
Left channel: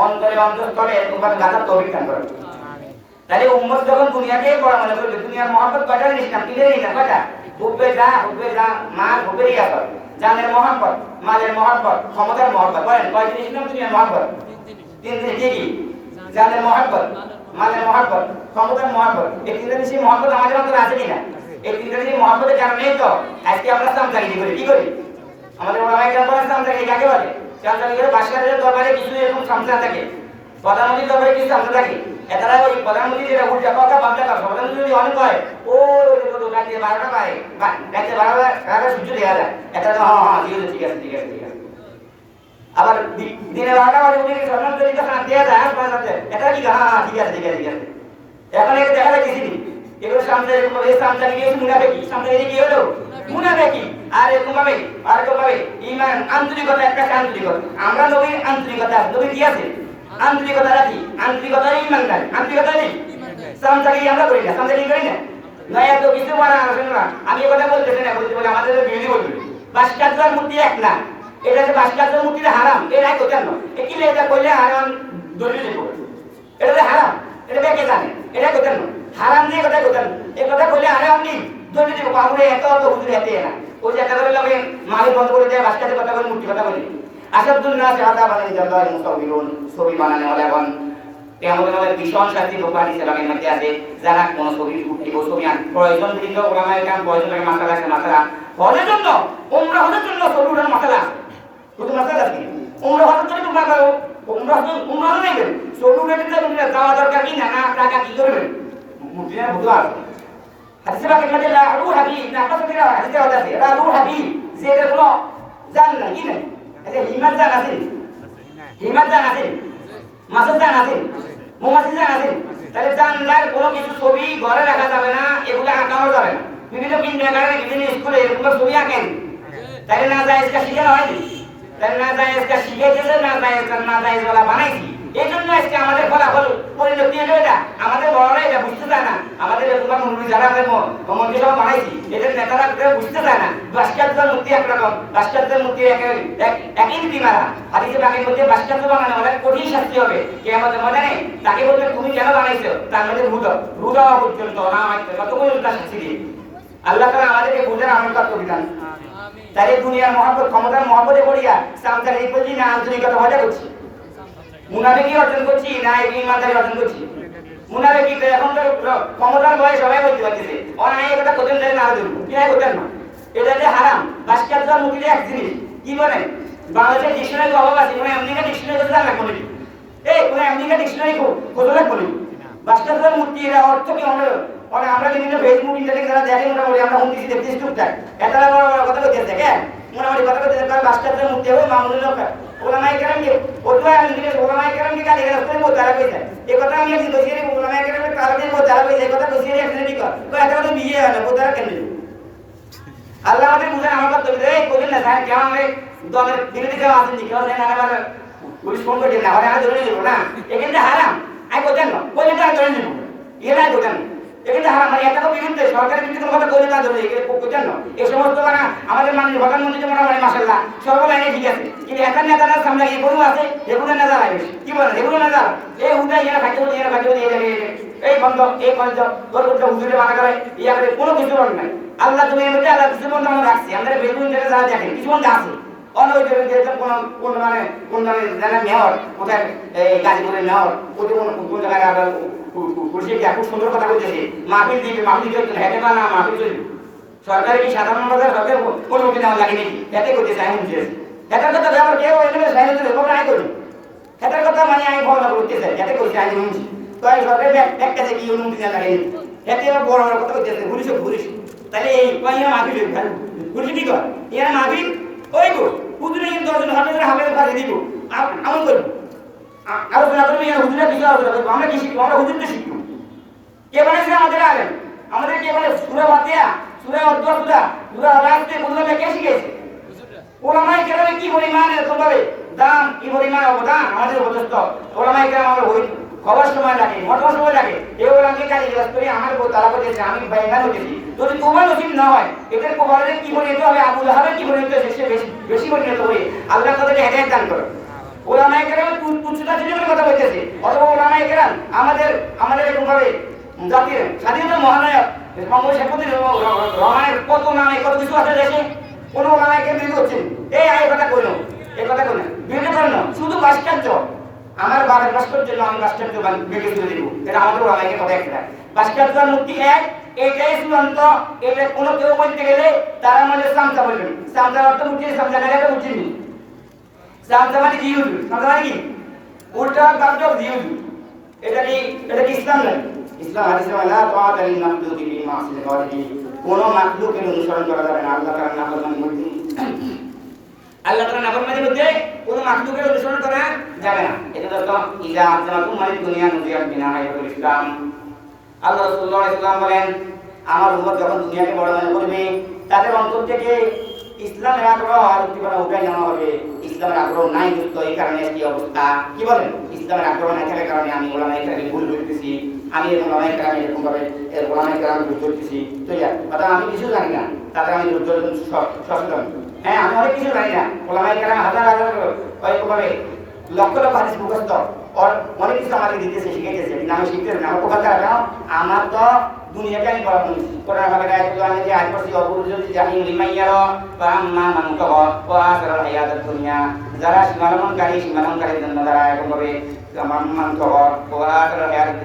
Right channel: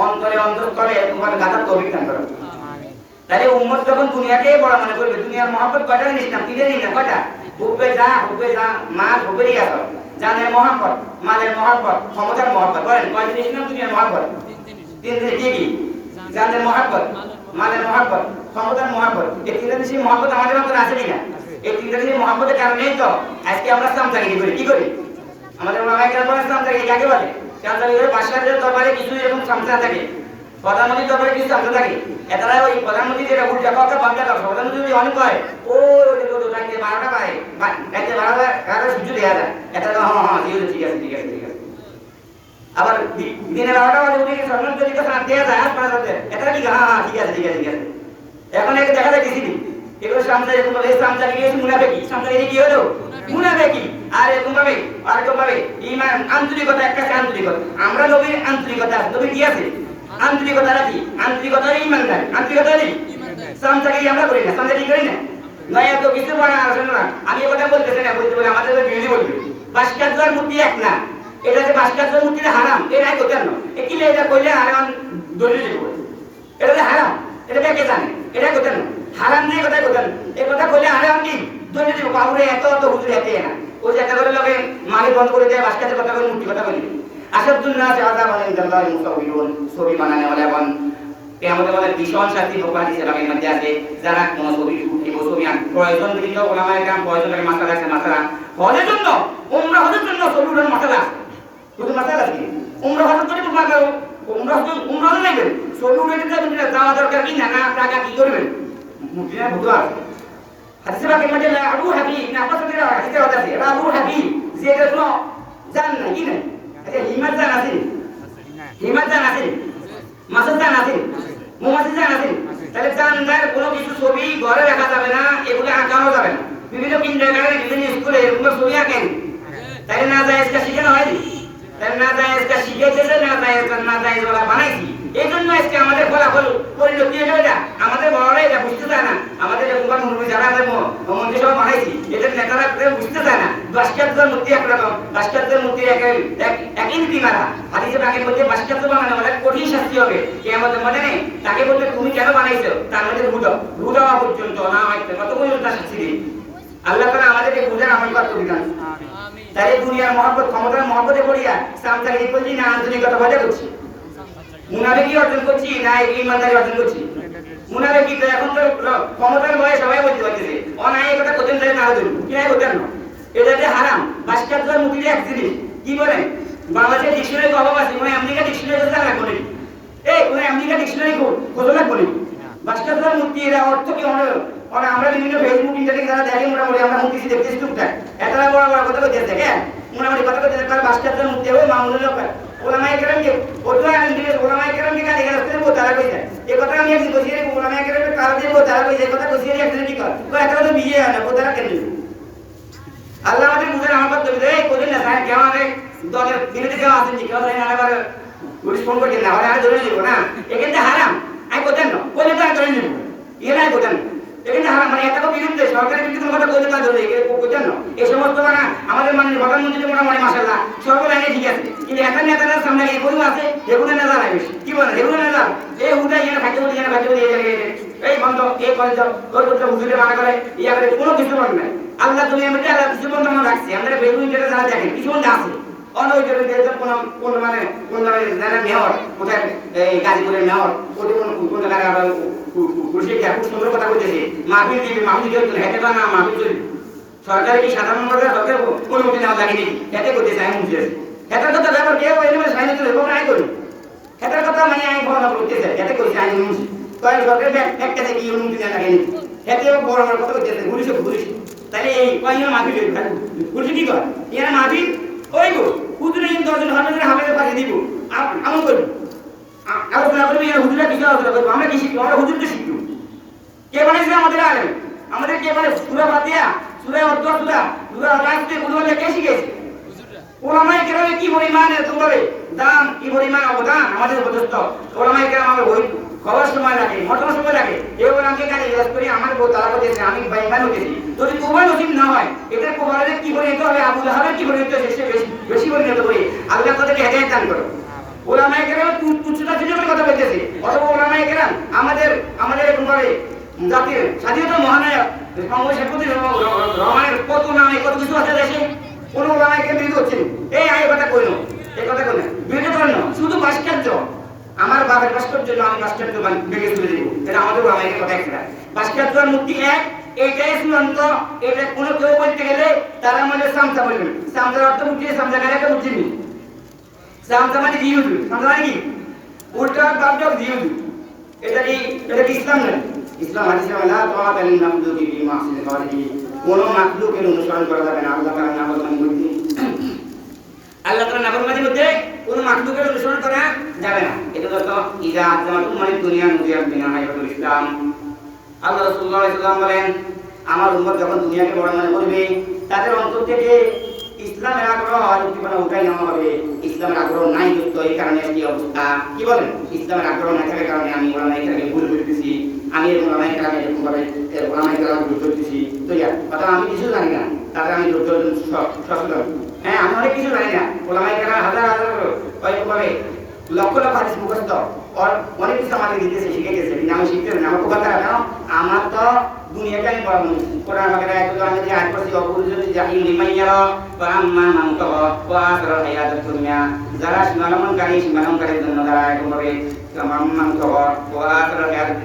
অন্তরস্থলে তোমার গাদার তৌফিক দান করেন। তাহলে উম্মত যখন দুনিয়াকে বড় মনে করবে, দুনিয়ার মহব্বত কয়টা জিনিস নাম? তিনটা জিনিস নাম। কয়টা? হুব্বে যা মাল, হুব্বের ইয়াসর, জানের মহব্বত, মালের মহব্বত, ক্ষমতার মহব্বত। বলেন কয় জিনিস নাম দুনিয়ার মহব্বত? 3 জিনিস। কি কি? জানের মহব্বত, মালের মহব্বত, ক্ষমতার মহব্বত। এই 3টা জিনিসের মহব্বত আমাদের মধ্যে আছে কিনা? এই 3টা জিনিসের মহব্বতের কারণেই তো আজকে আমরা সামদানি করি। কি করি? আমাদের ওলামায়ে কেরাম বলেন সামদানি কাকে বলে? সামদানি বাদশাহের দরবারে কিছু এরকম সামদানি থাকে, প্রধানমন্ত্রীর দরবারে কিছু সামদানি থাকে। এটারা ওই প্রধানমন্ত্রী যেটা উল্টা কথা বাংলা কথা, প্রধানমন্ত্রী যদি অনেক হয় ও রাতে 12টা পায়, রাতে 12টা সূর্য দেখা যায়, এটা হ্যাঁ ঠিক আছে। আবার দিনে 12টা বাজে উঠে প্রধানমন্ত্রী যদি কথা দেয়া যায় এটা কি? হ্যাঁ ঠিক আছে। এখন একে দেখা যাচ্ছে এগুলো সামদানি, এই সামদানি কি মুনাফিকি? সামদানি কি হলো? মুনাফিকি। আর এরকম ভাবে ঈমান, আন্তরিকতা, একটা আন্তরিকতা। আমরা নবীর আন্তরিকতা, নবী কি আছে? আন্তরিকতা রাখি, আন্তরিকতা ঈমানদার, আন্তরিকতা নেই। সামদানি আমরা করি না, সামদানি করি না। নয় এত কিছু বানা আসলে না। আমি কথা বলতেছি না, বলতে বলে আমাদের বিরোধী বলবে ভাস্কর্যের মূর্তি এক না, এটা যে ভাস্কর্যের মূর্তিটা হারাম, এটা কোথায় না? একিলে এটা কইলে হারাম দলিল দেব, এটা যে হারাম, এটা কে জানে? এটা কোথায় না? হারাম নেই কথা কোথায়? এই কথা কইলে হারাম নেই দলিল দেব। আমরা এত হুজুর এতে না, ও যে একেবারে লগে মালিক বন্ধ করে দেয়, ভাস্কর্যের কথা বলে, মূর্তি কথা বলি। আসাদুন নাস আযাবান ইনদাল্লাহি মুসাউবিরুন, ছবি বানানো ওয়ালাবান। কিয়ামতের মাঠে ভীষণ শাস্তি দোকান ইসলামের মধ্যে আছে, যারা কোন ছবি আন প্রয়োজন দিল ওলামায়ে কেরাম প্রয়োজন লাগে মাসালা আছে, মাসালা হজের জন্য, উমরা হজের জন্য ছবি উঠানোর মাসালা আছে। শুধু মাসালা আছে, উমরা হজের জন্য তোমরা করো, উমরা হজে নেবেন, ছবি উঠাতে তুমি যাওয়া দরকার কি না, টাকা কি করবেন? মুফতিরা বুঝো আছে হাদিসে বাকি মধ্যে আবু হাবিব না আপনাদের হাদিসে আছে, এটা আবু হাবিব যে এর কোনো জান না কি না, আচ্ছা হিম্মত জান আছে, হিম্মত জান আছে, মাসুদ জান আছে, মুমাসিদ জান আছে। তাহলে জানলার কোনো কিছু ছবি ঘরে রাখা যাবে না, এগুলো আঁকানো যাবে না। বিভিন্ন কিন্ডারগার্টেন, বিভিন্ন স্কুলে এরকম ছবি আঁকেন, তাহলে না যায় এটা শিখানো হয়নি, তাহলে না যায় এটা শিখেছে, না যায় বলা বানাইছি। এই জন্য আজকে আমাদের ফলাফল পরিণতি হলো এটা, আমাদের বড়রা এটা বুঝতে চায় না। আমাদের এরকম মুরব্বী যারা আমাদের মন্ত্রী সভা বানাইছি, এদের নেতারা বুঝতে চায় না। ভাস্কর্যের মূর্তি একরকম, ভাস্কর্যের মূর্তি একই নীতি মারা। হাদিসে তাকে বলতে ভাস্কর্য বানানো অনেক কঠিন শাস্তি হবে, কে আমাদের মনে নেই। তাকে বলতে তুমি কেন বানাইছো, তার মধ্যে রু দেওয়া পর্যন্ত না মারতে কত পর্যন্ত শাস্তি দিই। আল্লাহ তাআলা আমাদেরকে বুঝার আমল করতে বিধান। তাই দুনিয়ার মহব্বত, ক্ষমতার মহব্বতে পড়িয়া সামতালি করছি না, আন্তরিকতা বজায় করছি, মুনাফিকি অর্জন করছি না ঈমানদারি অর্জন করছি। মুনাফিকি তো এখন তো ক্ষমতার ভয়ে সবাই বলতে পারতেছে, অনায় কথা কতদিন ধরে না হতে কি নাই হতেন না, এটা যে হারাম। ভাস্কর্যের মূর্তিটা এক জিনিস, কি বলেন বাংলাদেশের ডিকশনারি অভাব আছে, কোনো আমেরিকা ডিকশনারি তো জানা লাগবে না, এই কোনো আমেরিকা ডিকশনারি খোঁজা লাগবে না। ভাস্কর্যের মূর্তি এর অর্থ কি হলো? আমরা বিভিন্ন ফেসবুক ইন্টারনেটে যারা দেখে মোটামুটি আমরা হুঁদিছি দেখতেছি টুকটাক, এটা বড় বড় কথা বলতে দেখেন, মোটামুটি কথা বলতে ভাস্কর্যের মূর্তি হবে মামুনের লোক ওলামায়ে কেরাম কে ওলামায়ে কেরাম কে গালি গালাজ করে তারা কইছে এই কথা আমি একদিন কইছি রে ওলামা কেরামে তারা দিয়ে তারা কইছে এই কথা কইছি রে একদিন কি কর কই এটা তো বিয়ে হয় না তারা কেন আল্লাহ আমাদের বুঝান আমার কথা রে কইলেন না সাহেব কেমন হবে দলের দিনে দিকে আসেন নি কেউ জানেন আবার পুলিশ ফোন করে না আর ধরে নিব না এখানে হারাম আই কইতেন না কইলে তো ধরে নিব এরা কইতেন এখানে হারাম মানে একটা বিরুদ্ধে সরকারের বিরুদ্ধে কথা কইলে তা ধরে কইতেন না এই সমস্ত মানে আমাদের মাননীয় প্রধানমন্ত্রী মোটামুটি মাশাআল্লাহ সরকার লাইনে ঠিক আছে কিন্তু একটা নেতার সামনে এই গরু আছে এগুলো নেতা লাগে কি বলেন এগুলো নেতা এই হুদা এরা খাইতে দিয়ে এই বন্ধ এই বন্ধ তোর হুজুরে মানা করে ইয়ারে কোনো কিছু নাই আল্লাহ তুমি এমনি আল্লাহ কিছু বন্ধ মনে রাখছি আমরা বেগুন যেটা যারা দেখেন কিছু বন্ধ আছে অনেক যে কোন জানা মেয়র কোথায় এই গাজীপুরের মেয়র কোন জায়গায় আবার খুব সুন্দর কথা বলতেছে মাহফিল দিবে মাহফিল দিয়ে হেঁটে না মাহফিল চলবে সরকারের কি সাধারণভাবে সরকার অনুমতি নেওয়া লাগেনি এতে করতেছে আমি বুঝে হেতার কথা ব্যাপার কেউ এনে সাইনে তুলে আয় করি হেতার কথা মানে আমি ভাবনা করতেছে এতে করছি আইন অনুমতি তো আমি সরকারের এক কাছে কি অনুমতি নেওয়া লাগেনি এতে বড় বড় কথা করতেছে ঘুরিস তাহলে এই কয়েকজন মাহফিল ঘুরিস কি কর এরা মাহফিল ওই গো হুজুরে কিন্তু 10 জন হাফেজের পাশে দিব আমল করব আলোচনা করবো এরা হুজুরা কিছু আলোচনা করবো আমরা কি শিখবো আমরা হুজুর তো শিখবো কে বানাইছে আমাদের আলেম আমাদের কে মানে সূরা ফাতিহা সূরা অর্ধ সূরা রাস্তে গুলো কে শিখেছে ওলামায়ে কেরামে কি পরিমাণ এরকম ভাবে দাম কি পরিমাণ অবদান আমাদের উপদেষ্ট ওলামায়ে কেরাম আমরা ওই খবর সময় লাগে মোটর সময় লাগে এই ওলামাকে কাজে জিজ্ঞেস করি আমার বউ তারা করেছে আমি বাইমান হয়েছি যদি তোমার নসিব না হয় এদের কোবালের কি পরিণত হবে আবু লাহাবের কি পরিণত হবে সে বেশি পরিণত হবে আল্লাহ তাদেরকে হেদায়েত দান করে ওলামায়ে কেরাম তুচ্ছতা ছিল কথা বলতেছে অথবা ওলামায়ে কেরাম আমাদের এরকম ভাবে জাতির স্বাধীনতা মহানায়ক বঙ্গবন্ধু শেখ মুজিবুর রহমানের কত নামে কত কিছু আছে দেশে কোন ওলামায়ে কেরাম বিরোধী হচ্ছেন এই কথা কইনো বিরোধী করেন না শুধু ভাস্কর্য আমার বাবার ভাস্কর্য আমি ভাস্কর্য বেগে তুলে দিব এটা আমাদের ওলামায়ে কথা একটা ভাস্কর্যের মূর্তি এক এইটাই চূড়ান্ত এটা কোনো কেউ বলতে গেলে তারা মানে সামতা বলবেন সামতার অর্থ বুঝিয়ে সামতা গায়ে একটা বুঝিনি সামতা মানে জিহুদ সামতা মানে কি উল্টা পাল্টা জিহুদ এটা কি ইসলাম নয় ইসলাম হাদিসে আল্লাহ তাআলা লিল মাখলুকি ফি মাসিল খালিকি কোন মাখলুকের অনুসরণ করা যাবে না আল্লাহ তাআলার নাফরমানির মধ্যে আল্লাহ তাআলার নাফরমানির মধ্যে কোন মাখলুকের অনুসরণ করা যাবে না এটা তো ইজা আজমাতুম মানে দুনিয়া নুজিয়াত বিনা হায়াতুল ইসলাম আল্লাহ রাসূলুল্লাহ সাল্লাল্লাহু আলাইহি ওয়াসাল্লাম বলেন আমার উম্মত যখন দুনিয়াকে বড় মনে করবে তাদের অন্তর থেকে ইসলামের আগ্রহ আর উদ্দীপনা উঠাই নেওয়া হবে ইসলামের আগ্রহ নাই তো এই কারণে এই অবস্থা কি বলেন ইসলামের আগ্রহ না থাকার কারণে আমি ওলামায়ে কেরামকে ভুল বুঝতেছি আমি ওলামায়ে কেরামকে এরকম ভাবে ওলামায়ে কেরামকে ভুল করতেছি তো কথা আমি কিছু জানি না তাদের আমি সচেতন হ্যাঁ আমি অনেক কিছু জানি না ওলামায়ে কেরাম হাজার ওইভাবে লক্ষ লক্ষ হাদিস মুখস্থ অনেক কিছু আমাদের দিতেছে শিখে গেছে আমি শিখতে না আমার কোথা কেন আমার তো দুনিয়াকে আমি পড়াবো কোরআন হবে রায় তো আমি যে আয়াত পড়ছি অবুল যদি জাহিন লিমাইয়া বা আম্মা মান তাওয়া ওয়া আসরাল হায়াতুদ দুনিয়া যারা সীমালঙ্ঘনকারীর জন্য যারা এরকম ভাবে মান তাওয়া ওয়া আসরাল হায়াতুদ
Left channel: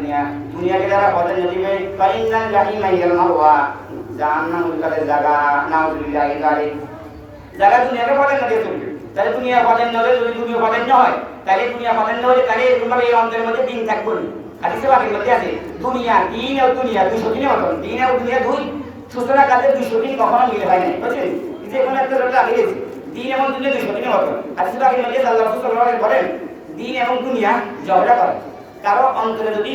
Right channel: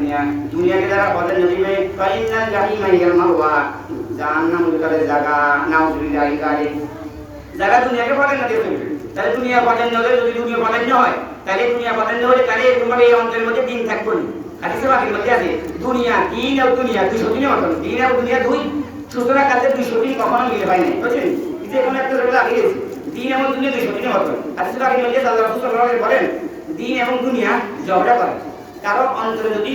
দুনিয়াকে যারা পথে নদীবে ফাইনাল জাহিমা হিয়াল মাওয়া জাহান্নাম উল্কারের জায়গা নাউজুবিল্লাহ যারা দুনিয়াকে পথে নদী চলবে তাহলে দুনিয়া পথে নদী যদি দুনিয়া পথে না হয় তাহলে দুনিয়া পথে না হলে তাহলে এরকম ভাবে এই অন্তরের মধ্যে দিন থাকবে না হাদিসে বাকির মধ্যে আছে দুনিয়া দিন আর দুনিয়া 200 দিনের মতন দিন আর দুনিয়া দুই সুতরাং কাছে 200 দিন কখনো মিলে হয় নাই বুঝছেন যে কোনো একটা রোগ লাগে গেছে দিন এবং দুনিয়া 200 দিনের মতন হাদিসে বাকির মধ্যে আল্লাহ রাসূল সাল্লাল্লাহু আলাইহি বলেন দিন এবং দুনিয়া ঝগড়া করে কারো অন্তরে যদি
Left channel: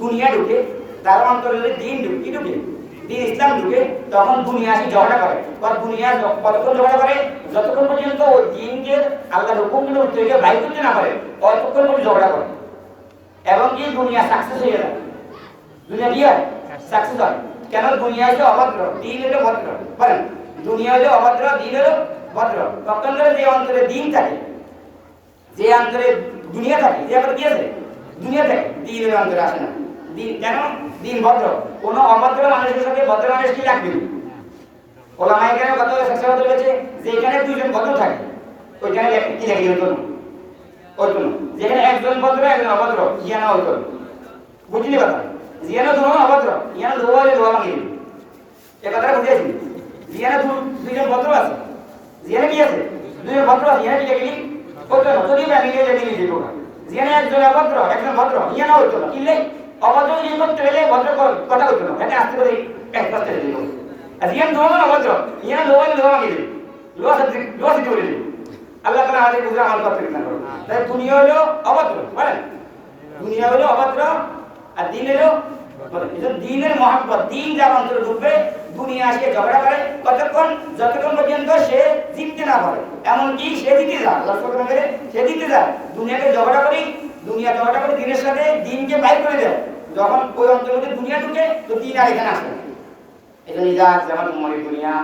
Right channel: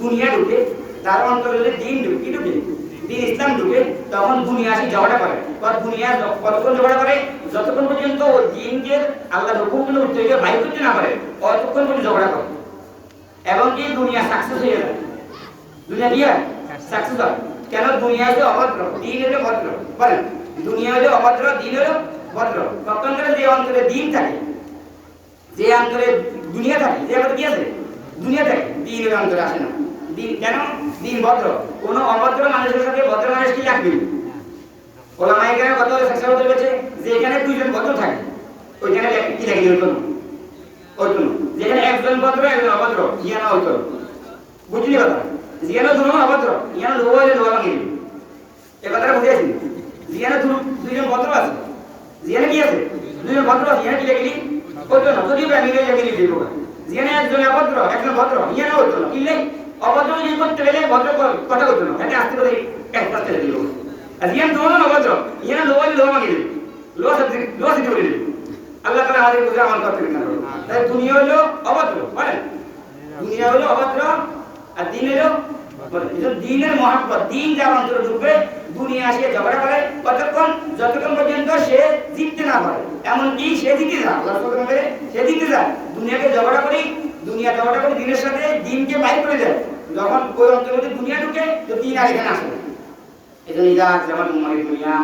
দুনিয়া ঢুকে তার অন্তরে যদি দিন ঢুকে দিন ইসলাম ঢুকে তখন দুনিয়া আসি ঝগড়া করে আর দুনিয়া কতক্ষণ ঝগড়া করে যতক্ষণ পর্যন্ত ওই দিনকে আল্লাহর হুকুমগুলো উত্তরে বাইর করতে না পারে ততক্ষণ পর্যন্ত ঝগড়া করে এবং কি দুনিয়া সাকসেস হয়ে যায় দুনিয়া দিয়ে সাকসেস হয় কেন দুনিয়া হলো অভদ্র দিন হলো ভদ্র বলেন দুনিয়া হলো অভদ্র দিন হলো ভদ্র তখন করে যে অন্তরে দিন থাকে যে অন্তরে দুনিয়া থাকে যে আমাদের কি আছে দুনিয়া থাকে দিন হলো অন্তরে আসে না দিন কেন দিন ভদ্র কোন অভদ্র মানুষের সাথে ভদ্র মানুষ কি লাগবে ওলামায়ে কেরাম কত শেষ হতে পেরেছে যে এখানে দুইজন ভদ্র থাকে ওইখানে কি লাগে ওই কোন যেখানে একজন ভদ্র একজন অভদ্র ইয়ানা ওই কোন বুঝলি কথা জিয়ানা দুনো অভদ্র ইয়ানা লোয়ালে লোয়া মাগি এই কথাটা বুঝেছি জিয়ানা দুইজন ভদ্র আছে জিয়ানা কি আছে দুইজন ভদ্র আছে ইয়ানা কি লাগলি ওই কোন যদি আমি নিয়ে যাবি দিব জিয়ানা একজন অভদ্র একজন ভদ্র ইয়ানা ওই কোন কিলে অভদ্র যদি করতে গেলে ভদ্র কথা কইতো না এটা আস্তে করে একটা করে দিল আর ইয়ানা দুনো অভদ্র ইয়ানা লোয়ালে লোয়া মাগি দিল লোয়া দিতে বলে দিল আল্লাহ তাআলা আমাদের বুঝে আমল করতে না করো তাই দুনিয়া হলো অভদ্র বলেন দুনিয়া হলো অভদ্র আর দিন হলো দিনের মহাব্বত। দিন যার অন্তরে ঢুকবে দুনিয়া সে ঝগড়া করে যতক্ষণ পর্যন্ত সে জিততে না পারে, এমনকি সে জিতে যায়, সে জিতে যায়। দুনিয়াকে ঝগড়া করি দিনের সাথে দিনকে বাইর করে দেয়। যখন ওই অন্তরের মধ্যে দুনিয়া ঢুকে তো দিন আর এখানে আসে। এটা নিজাত যেমন উম্মতের দুনিয়া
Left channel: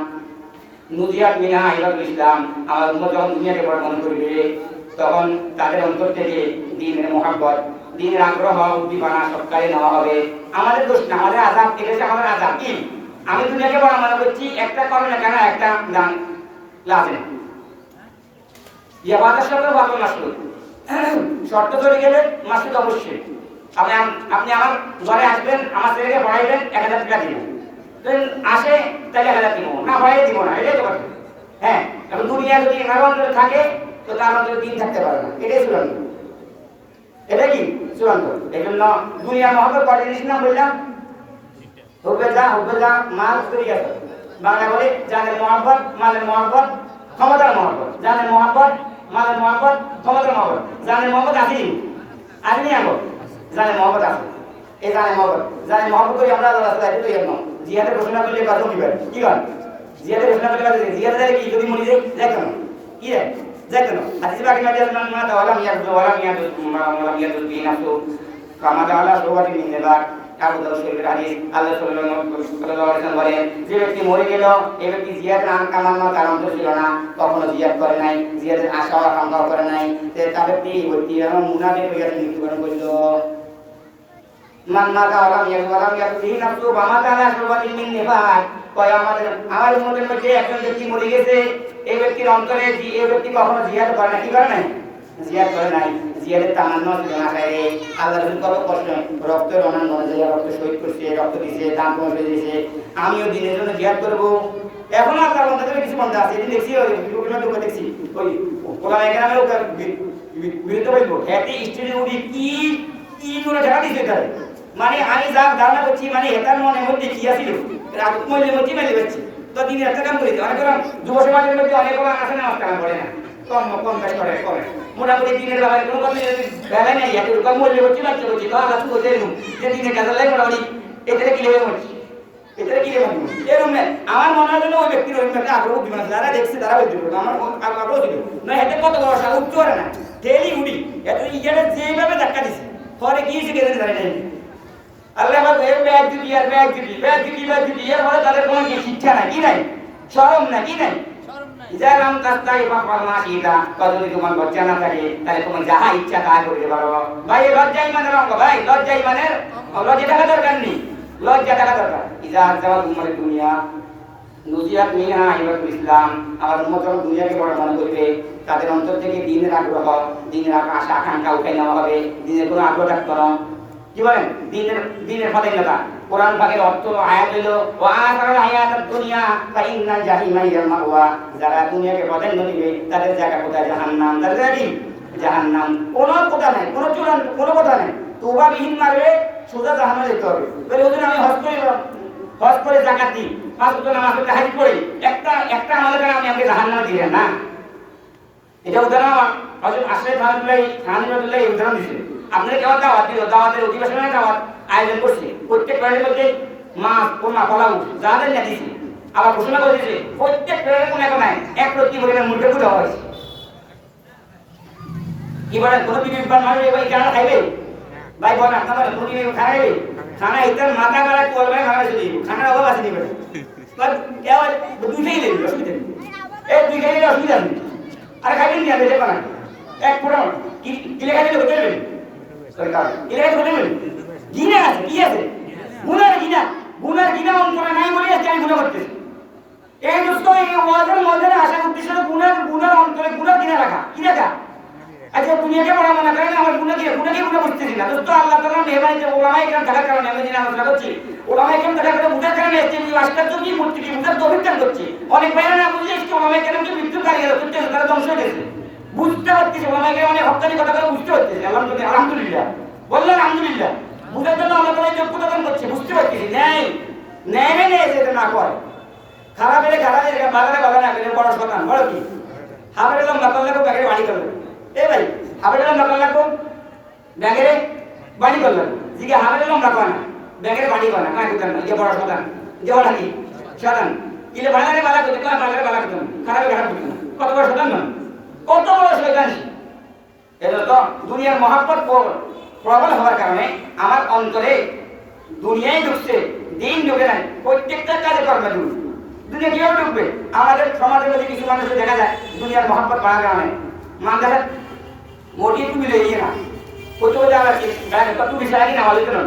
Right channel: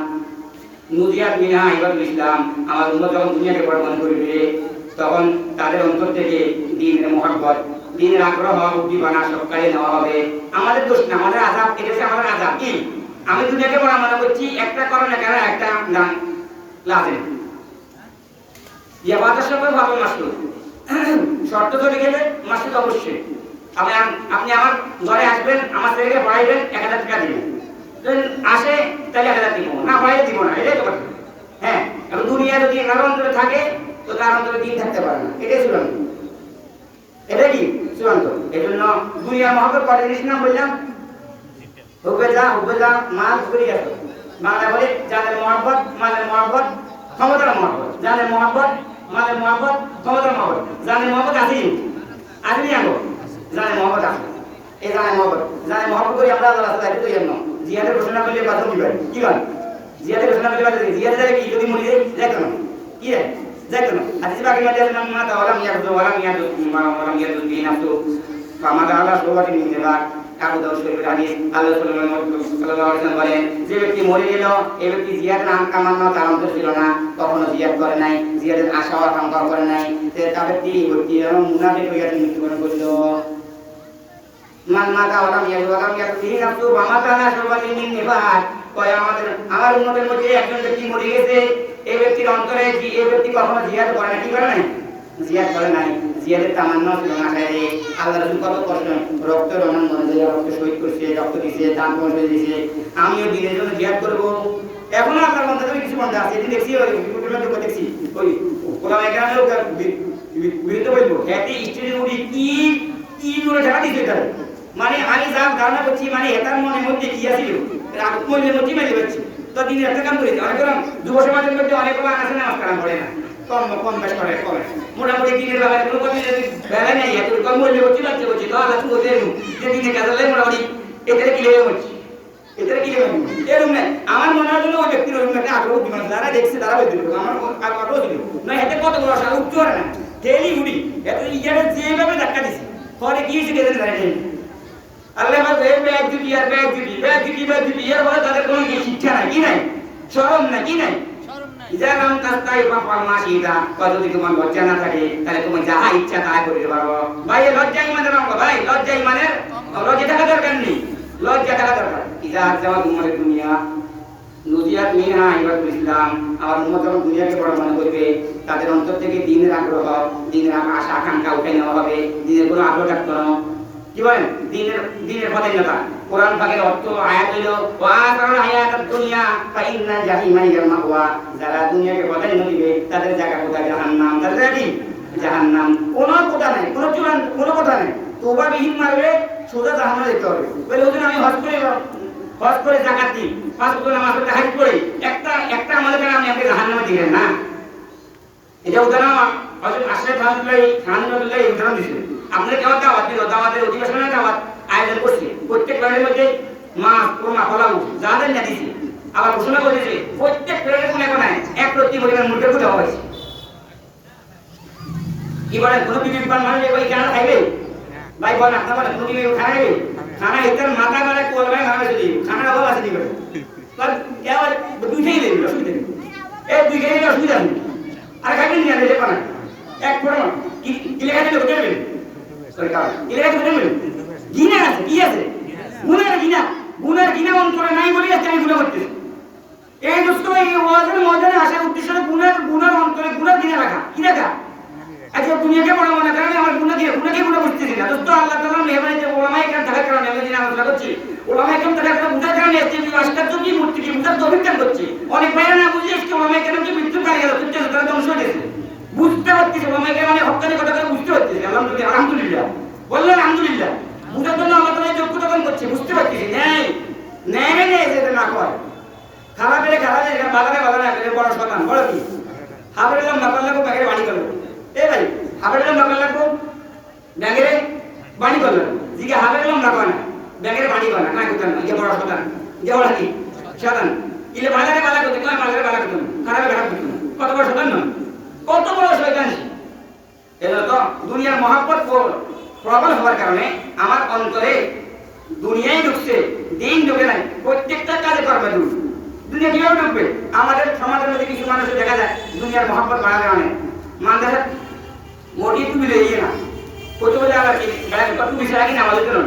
নুজিয়াত মিনহা ইবাদুল ইসলাম। আমার উম্মত যখন দুনিয়াকে বড় মনে করবে তখন তাদের অন্তর থেকে দ্বীনের মুহাব্বত, দ্বীনের আগ্রহ, উদ্দীপনা সবকালে নেওয়া হবে। আমাদের দোষ না, আমাদের আযাব। এটা হচ্ছে আমাদের আযাব। কি আমি দুনিয়াকে বড় মনে করছি, একটা করে না কেন একটা গান লাজেম ইবাদতের সাথে ভালো মাসুল শর্ত চলে গেলে মাসুল অবশ্যই। আপনি আমার ঘরে আসবেন, আমার ছেলেকে পড়াইবেন, 1000 টাকা দিবেন। আসে তাহলে 1000 দিব না, পড়াইলে দিব না, এটাই তো কথা। হ্যাঁ, কারণ দুনিয়া যদি কারো অন্তরে থাকে তো তার অন্তরে দিন থাকতে পারে না। এটাই চূড়ান্ত, এটা কি চূড়ান্ত। এই জন্য দুনিয়ার মহব্বত কত জিনিস নাম বললাম? হুবে যা মাল করে গেছে। বাংলা বলে জানের মহব্বত, মালের মহব্বত, ক্ষমতার মহব্বত। জানের মহব্বত, মালের মহব্বত, ক্ষমতার মহব্বত। জানের মহব্বত আসেনি আগে জানের মহব্বত আছে। এই জানের মহব্বত করি আমরা আল্লাহ রাস্তায় তো এর নাম জিহাদের ঘোষণা করলে বাঁচো কি ভাই? কি বল জিহাদের ঘোষণা করলে বাঁচো? জিহাদের কি যদি মরে যায় যাইতো না? কি রে যাইতো না? হাদিস বাকি মাঝে আসলাম না তাওয়ালা মিয়া দিন আসো আমাদের আল্লাহ সবাই নিয়ে নেবা। আবু দাউদ শরীফের হাদিস, আল্লাহ সাল্লাল্লাহু আলাইহি ওয়াসাল্লাম বলেন, যে ব্যক্তি মরে গেল এই ব্যক্তি জিহাদ নাম কামানো তার অন্তর ছিল না, কখনো জিহাদ করে নাই, জিহাদের আশা আকাঙ্ক্ষা করে নাই। তার ব্যক্তি মুনাফিক হয়ে গেছে, মৃত্যুবরণ করলো। মান মাতা আলাম ইয়াতুহি নাফসু ওয়া মাতা লা শুরবাতি মিন নিফাক। কয় আমার উম্মতের মধ্যে একজন ব্যক্তি মরে গেছে, এই ব্যক্তির অন্তরে এই ব্যক্তি কখনো জিহাদ করে না। কি করে নাই? জিহাদ করে নাই। জিহাদের তামান্না ছিল না। আল্লাহ রাসূল কত কষ্ট রক্ত রণন মনে যায়, রক্ত শহীদ করছে, রক্ত দিয়েছে, দান করে দিয়েছে। আমিও দিনের জন্য জিহাদ করব। এখনো আল্লাহর বান্দাদের কিছু বান্দা আছে, এদিন দেখছি ওই দেখছি ওই ওলামায়ে কেরামের বিরুদ্ধে বলবো এতে স্টেজে উঠি কি করে ঢাকা দিয়েছে তারা। মানে আমি যা ধারণা করছি, মানে এটার মনের মধ্যে কি আছিল মূল্যের মধ্যে মাইলে পাচ্ছি। তো দিনে একটা কাম করেছি। অনেক যুব সমাজের মধ্যে অনেক আছে না, কাম করে না, কম বেশ করে মোটামুটি দিনের বেলায় কোনো বেলা নেই, এত কম মূল্য করছি লাগছে করছি। তো আল্লাহ বলতে যে দিনে কাজ লাগে মোটামুটি এদের কি লেগে হচ্ছে, এদের কি লেগে এরকম নেই। আমার মনে হয় ওই ব্যক্তির ওই একটা আগ্রহ দিবে না, যারা দেখছে তারা বলতে পারবে আমার আগ্রহ ছিল না। এতে কত বড় সারা উঠতে পারে না, ঠেলি উড়ি এত ইয়ারে যেভাবে ধাক্কা দিছে পরে কি হয়েছে কেন জানে ঠেলি। আল্লাহ বলছে ব্যাগ জুটি আর ব্যাগ জুটি এর বলে তাদের কোনো শিক্ষা নাই, কি নাই, শরম না, কি নাই। যার নাম তাস্তাই বাপার মা শিখা যদি তোমার লজ্জা না থাকে তাহলে তোমার যাহা ইচ্ছা তাই করতে পারো। ভাই লজ্জা ইমানের অঙ্গ, ভাই লজ্জা ইমানের, লজ্জা থাকা দরকার নেই, লজ্জা থাকা দরকার। ইজাত যেমন উম্মতের দুনিয়া নুজিয়াত মিনহা ইবাদুল ইসলাম। আমার উম্মত যখন দুনিয়াকে বড় মনে করবে তাদের অন্তর থেকে দিনের আগ্রহ, দিনের আশা আকাঙ্ক্ষা উঠে নেওয়া হবে। দিনের কোনো আগ্রহ থাকতো না। কি বলেন? দিনের পদান্যতা। কোরআন পাকের অর্থ আয়াত হইল ওয়া আতাল হায়াতুদ দুনিয়া ফা ইন্নাল জাহিমা হিয়াল মাওয়া। যারা দুনিয়াকে পদান্য দিবে তাদের জায়গা কোথায়? জাহান্নাম। তাদের জায়গা কি? জাহান্নাম। কোনো কথা নাই, কোনো চূড়ান্ত কোনো কথা নাই। তওবা বিহীন মারবে সোজা জাহান্নামে যেতে হবে। বলে হুজুর আমি হজ করে যাকাত দিই, 5 ওয়াক্ত নামাজ পড়ে হাজ পড়ি, একটা আমাদের কারণে আপনি আমাকে জাহান্নামে দিবেন না। এটা উদাহরণ হযরত আশরাফ রাহমাতুল্লাহ উদাহরণ দিয়েছে। আপনার কেউ দাওয়াত দিল, দাওয়াতের অধিবেশনের দাওয়াত আয়োজন করছে, প্রত্যেক প্রাণীর মধ্যে মাছ কোরমা ফলাউ যাদের না দিয়েছে, আবার ঘোষণা করে দিয়েছে প্রত্যেক প্রাণীর কোন এখন এক প্রতি পরিমাণ মুদ্রা করে দেওয়া হয়েছে। কি বলেন? কোনো বিবেকবান মানুষ ভাই কেন খাইবে? ভাই বলেন আপনার কোনো বিবেক খানা খাইবে? খানা ইতার মাথা গাড়া কোল ভাই মারা হয়েছে, খানার অভাব আছে নিবে দুইটাই নেই, অসুবিধা নেই, এই দুইটাই নিলে অসুবিধা নেই। আর খাইবেন না দেখে না এক পড়ান কি লেখা দিলে হতে পারবেন সরকার কি লেখা দিতে পারবেন? গিনা আছে, কি আছে? গুনার গিনা অন্তরে নাই বলে আজকে আমি গুনাহ করতেছি। এই দোস্ত এই ওয়াজের ময়দানে আসার উদ্দেশ্য হলো গুনার অন্তরে গুনার গিনা রাখা। কি রাখা? আচ্ছা দুনিয়াকে বড় মনে করেন, আমার গুনাকে গুনাহ করতেছি না দোস্ত। আল্লাহ তাআলার মেহরবানিতে ওলামায়ে কেরাম থাকার কারণে আমি যেন আলোচনা করছি, ওলামায়ে কেরাম থাকার কারণে বুঝার কারণে আজকে এই আজকাল কি মূর্তি কি বুঝার অভিজ্ঞান করছি। অনেক বাইরে না বুঝলে আজকে ওলামায়ে কেরামকে মৃত্যু কালে গেল, তারা ধ্বংস হয়ে গেছে। বুঝতে পারতেছি ওলামায়ে কেরাম অনেক হক্কানি কথা করে বুঝতে পারতেছি। আলহামদুলিল্লাহ বললেন আলহামদুলিল্লাহ। বুঝার জন্য আল্লাহ তাআলা যোগ্যতা দান করছে, বুঝতে পারতেছি। নেই যেটা না করে খারাপ এলে খারাপ বাগানে বাগানে আসলে বড় শতান বড় কি হাবের এলাম বাকাল লাগবো ব্যাগের বাড়ি করবো। এ ভাই হাবের এলাম বাকাল লাগবো ব্যাগের বাড়ি করলো দিকে হাতে লম্বা করে না ব্যাগের বাড়ি করে না না করতেন না ইয়ে বড় শতান ইয়ে বড় কি শতান ইলে বাজারে বালা করতে না বাজারে বালা করতে খারাপ খারাপ করতে কত বড় শতান না কত বড় শয়তান এগুলো তো দুনিয়ার মহাব্বত প্রবল হওয়ার কারণে আমার অন্তরে দুনিয়ায় ঢুকছে দিন ঢুকে নাই প্রত্যেকটা কাজে কর্মে ঢুক দুনিয়া কিভাবে ঢুকবে আমাদের সমাজের মধ্যে কিছু মানুষের দেখা যায় দুনিয়ার মহাব্বত বাড়ার কারণে মানুষের মোটি টুপি লইয়ে না কত বলে আবার ব্যাগ টুপি ছাড়া কিনা আমাদের জন্য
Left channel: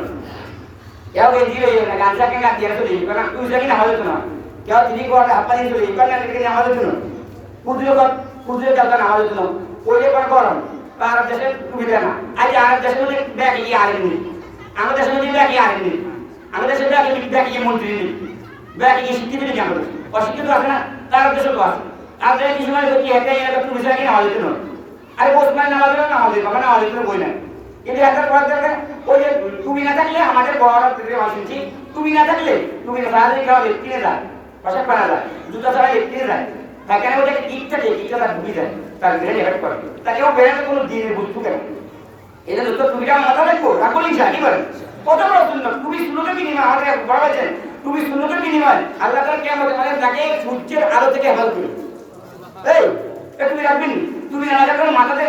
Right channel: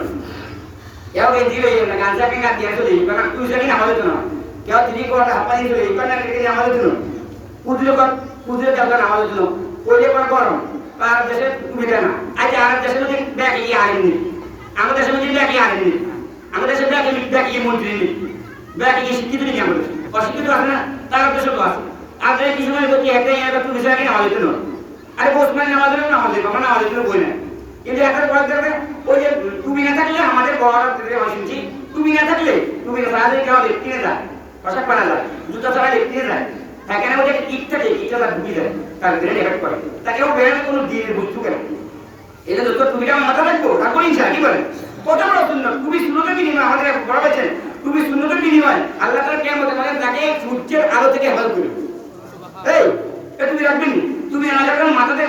কেউ গেঞ্জি লইয়ে না গাঞ্জা কেনা দিয়ে চলে কারণ টুপি ছাড়া কিনা আমাদের জন্য কেউ তিনি কোয়াটা হাপ্পা দিয়ে চলে কারণ আমাদের জন্য কুদরে কেউ আমাদের জন্য ওইলে পর গরম আর দেশে টুপি দেয় না আজ আর দেশের মধ্যে ব্যাগ ইয়ে আনেনি আমাদের দেশের মধ্যে ব্যাগ ইয়ে আনেনি আমাদের দেশে ব্যাগ ইয়ে মন্ত্রী নেই ব্যাগ ইয়ে শিক্ষিত নেই আমাদের অশিক্ষিত আছে না তার দেশে তো আছে আর যদি কিছু মানে করতে হেঁটে টুপি ছাড়া কিনা আমাদের জন্য আরে বসমান নামাজের নামাজের জন্য বই না কিন্তু একটা কথা ওই যে তুমি না থাকলে আমাদের বড় শুনছি তুমি না থাকলে তুমি না সারাদিন খাওয়া কিনে যায় পোশাক পানা যায় জুতা ছাড়া কিনে যায় এখানে ওই যে ইট থাকে ইটটা ঢুকে যায় তার ব্রেন এফেক্ট করে তাকে ও ব্রেনে কোনো দিনের বুঝতে কেন এটা যত টুপিটা আমার মাথা রাখবো তারপর ইনশা কি বলে কত বড় সুন্দর তুমি সুন্নতের বিনিময় আমাদের বড় বলছেন তুমি সুন্নতের বিনিময় আল্লাহ তাআলা কিয়ামতে আমাদের তাকে সূর্যের আলো থেকে হেফাজত করবে এই তুমি রাখবেন তুমি না রাখলে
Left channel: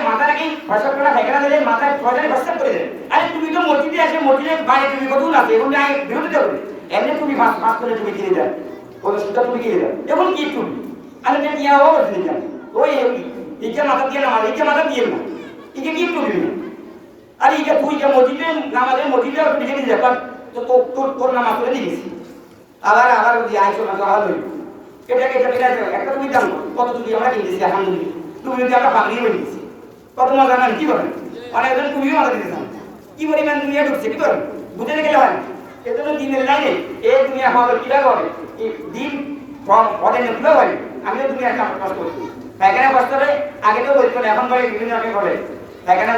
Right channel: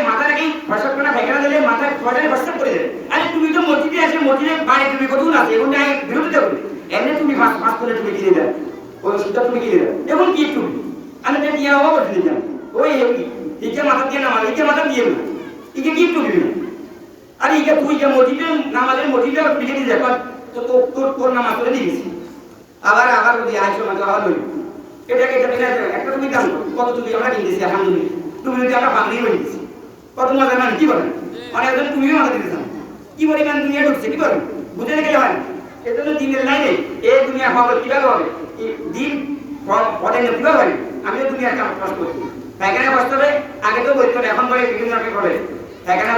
মাথা রাখি ফসল করা ফেকরা দিলে মাথায় ফসল ফসল করে দেবে আরে তুমি তো মসজিদে আছে মসজিদে বাইরে তুমি কতক্ষণ আছে এখন আই বিরোধিতা করবে এমনি তুমি মাস করে তুমি কিনে দেন ওই সুতা তুমি কিনে দেন এখন কি তুমি আমি তো নিয়ে হওয়া বলছি না ওই ইকে মাথা দিয়ে না ইকে মাথা দিয়ে না ইকে কি তুমি না আরে ইকে তুই যে মসজিদে নামাজের মসজিদে তুমি যদি দেখো তো তোর নামাজ করে দিয়ে দিছি আবার ওই আইসো মানে আবার লই এটাকে একটা তুমি দাম কত তুমি আমরা কিনতেছি আলহামদুলিল্লাহ তুমি যদি আমরা পাগলি বলে দিচ্ছি কত মজা না কি বলেন অনেক জন তুমিও মজা দিতেছ কি পরিমাণ দুনিয়া ঢুকছে কি বলেন বুঝে গেলে হয় না এজন্য দিনের লাইনে এই দুনিয়া হবে কিভাবে হবে দিন পদে কিভাবে হবে আমিও দুনিয়ার কাম কষ্ট করছি এখানে কষ্ট হবে আগে তো বলতো এখন করে বিভিন্ন রকম করে এখানে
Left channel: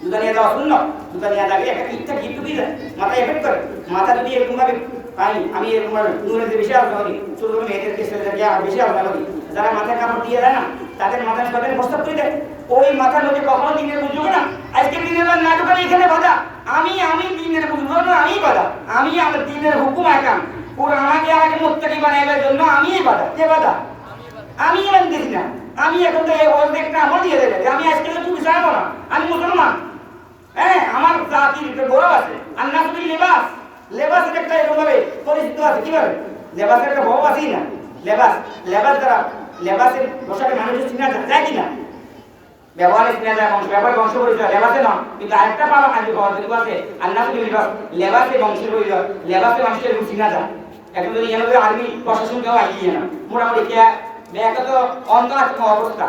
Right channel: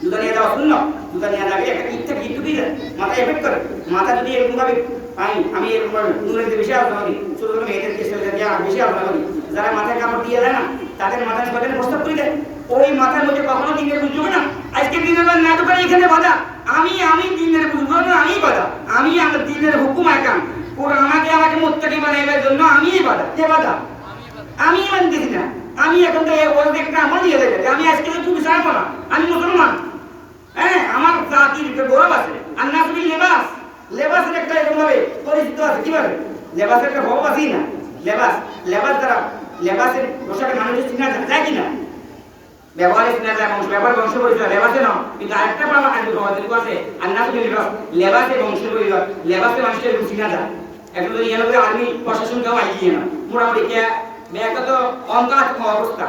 জুতা নিয়ে যাওয়া শূন্য জুতা নিয়ে যাবে একটা ইচ্ছা ভিড় ঢুকিয়ে যায় মাথা এফেক্ট করে মাথা যদি এরকম ভাবে আমি এরকম নুরের বেশি আলোচনা করি ছোট ছোট মেয়েদেরকে ছেলেদেরকে আর বেশি আলোচনা করি যারা মাথায় কাপড় দিয়ে দেয় না তাদের মাথায় সদের প্রস্তাব করে দেয় ওই মাথার মধ্যে কখনো দিনের বুঝবে না আজকে দিনের বার নাটক করে এখানে বাধা আমি দিনের বুঝবো না আমি বাধা আমি আমার দিনের হুকুম একাম পুরো আমাকে মোত্তাকি বানাইবার জন্য আমি বাধা কে বাধা আমি মানতেছি না আমি এখন তো একটা আমল দিয়ে দেবে আমি আজকে তো তুমি চাইবো না আমি মুসলমান হ্যাঁ আমার জাতির গৌরব আছে আর না তুমি লেবাসের একটা এরকম ভাবে পরিচিত আছে কিভাবে লেবাসের একটা ভাব আছেই না লেবাস দ্বারা লেবাসের পোশাকে মানুষের চিনা যায় কিনা ব্যবহারে চিনা যায় ব্যবহার বংশ পরিচয় লেবাসে না কিন্তু আরেকটা পাওয়া আছে আর না তুমি লেবাসে বংশ পরিচয় লেবাসে মানুষের চিনা যায় এখন যদি আর্মি প্রশাসন কেউ আইয়ে না মোটামুটি ব্যাগ তো অন্তরাত্মক অবস্থা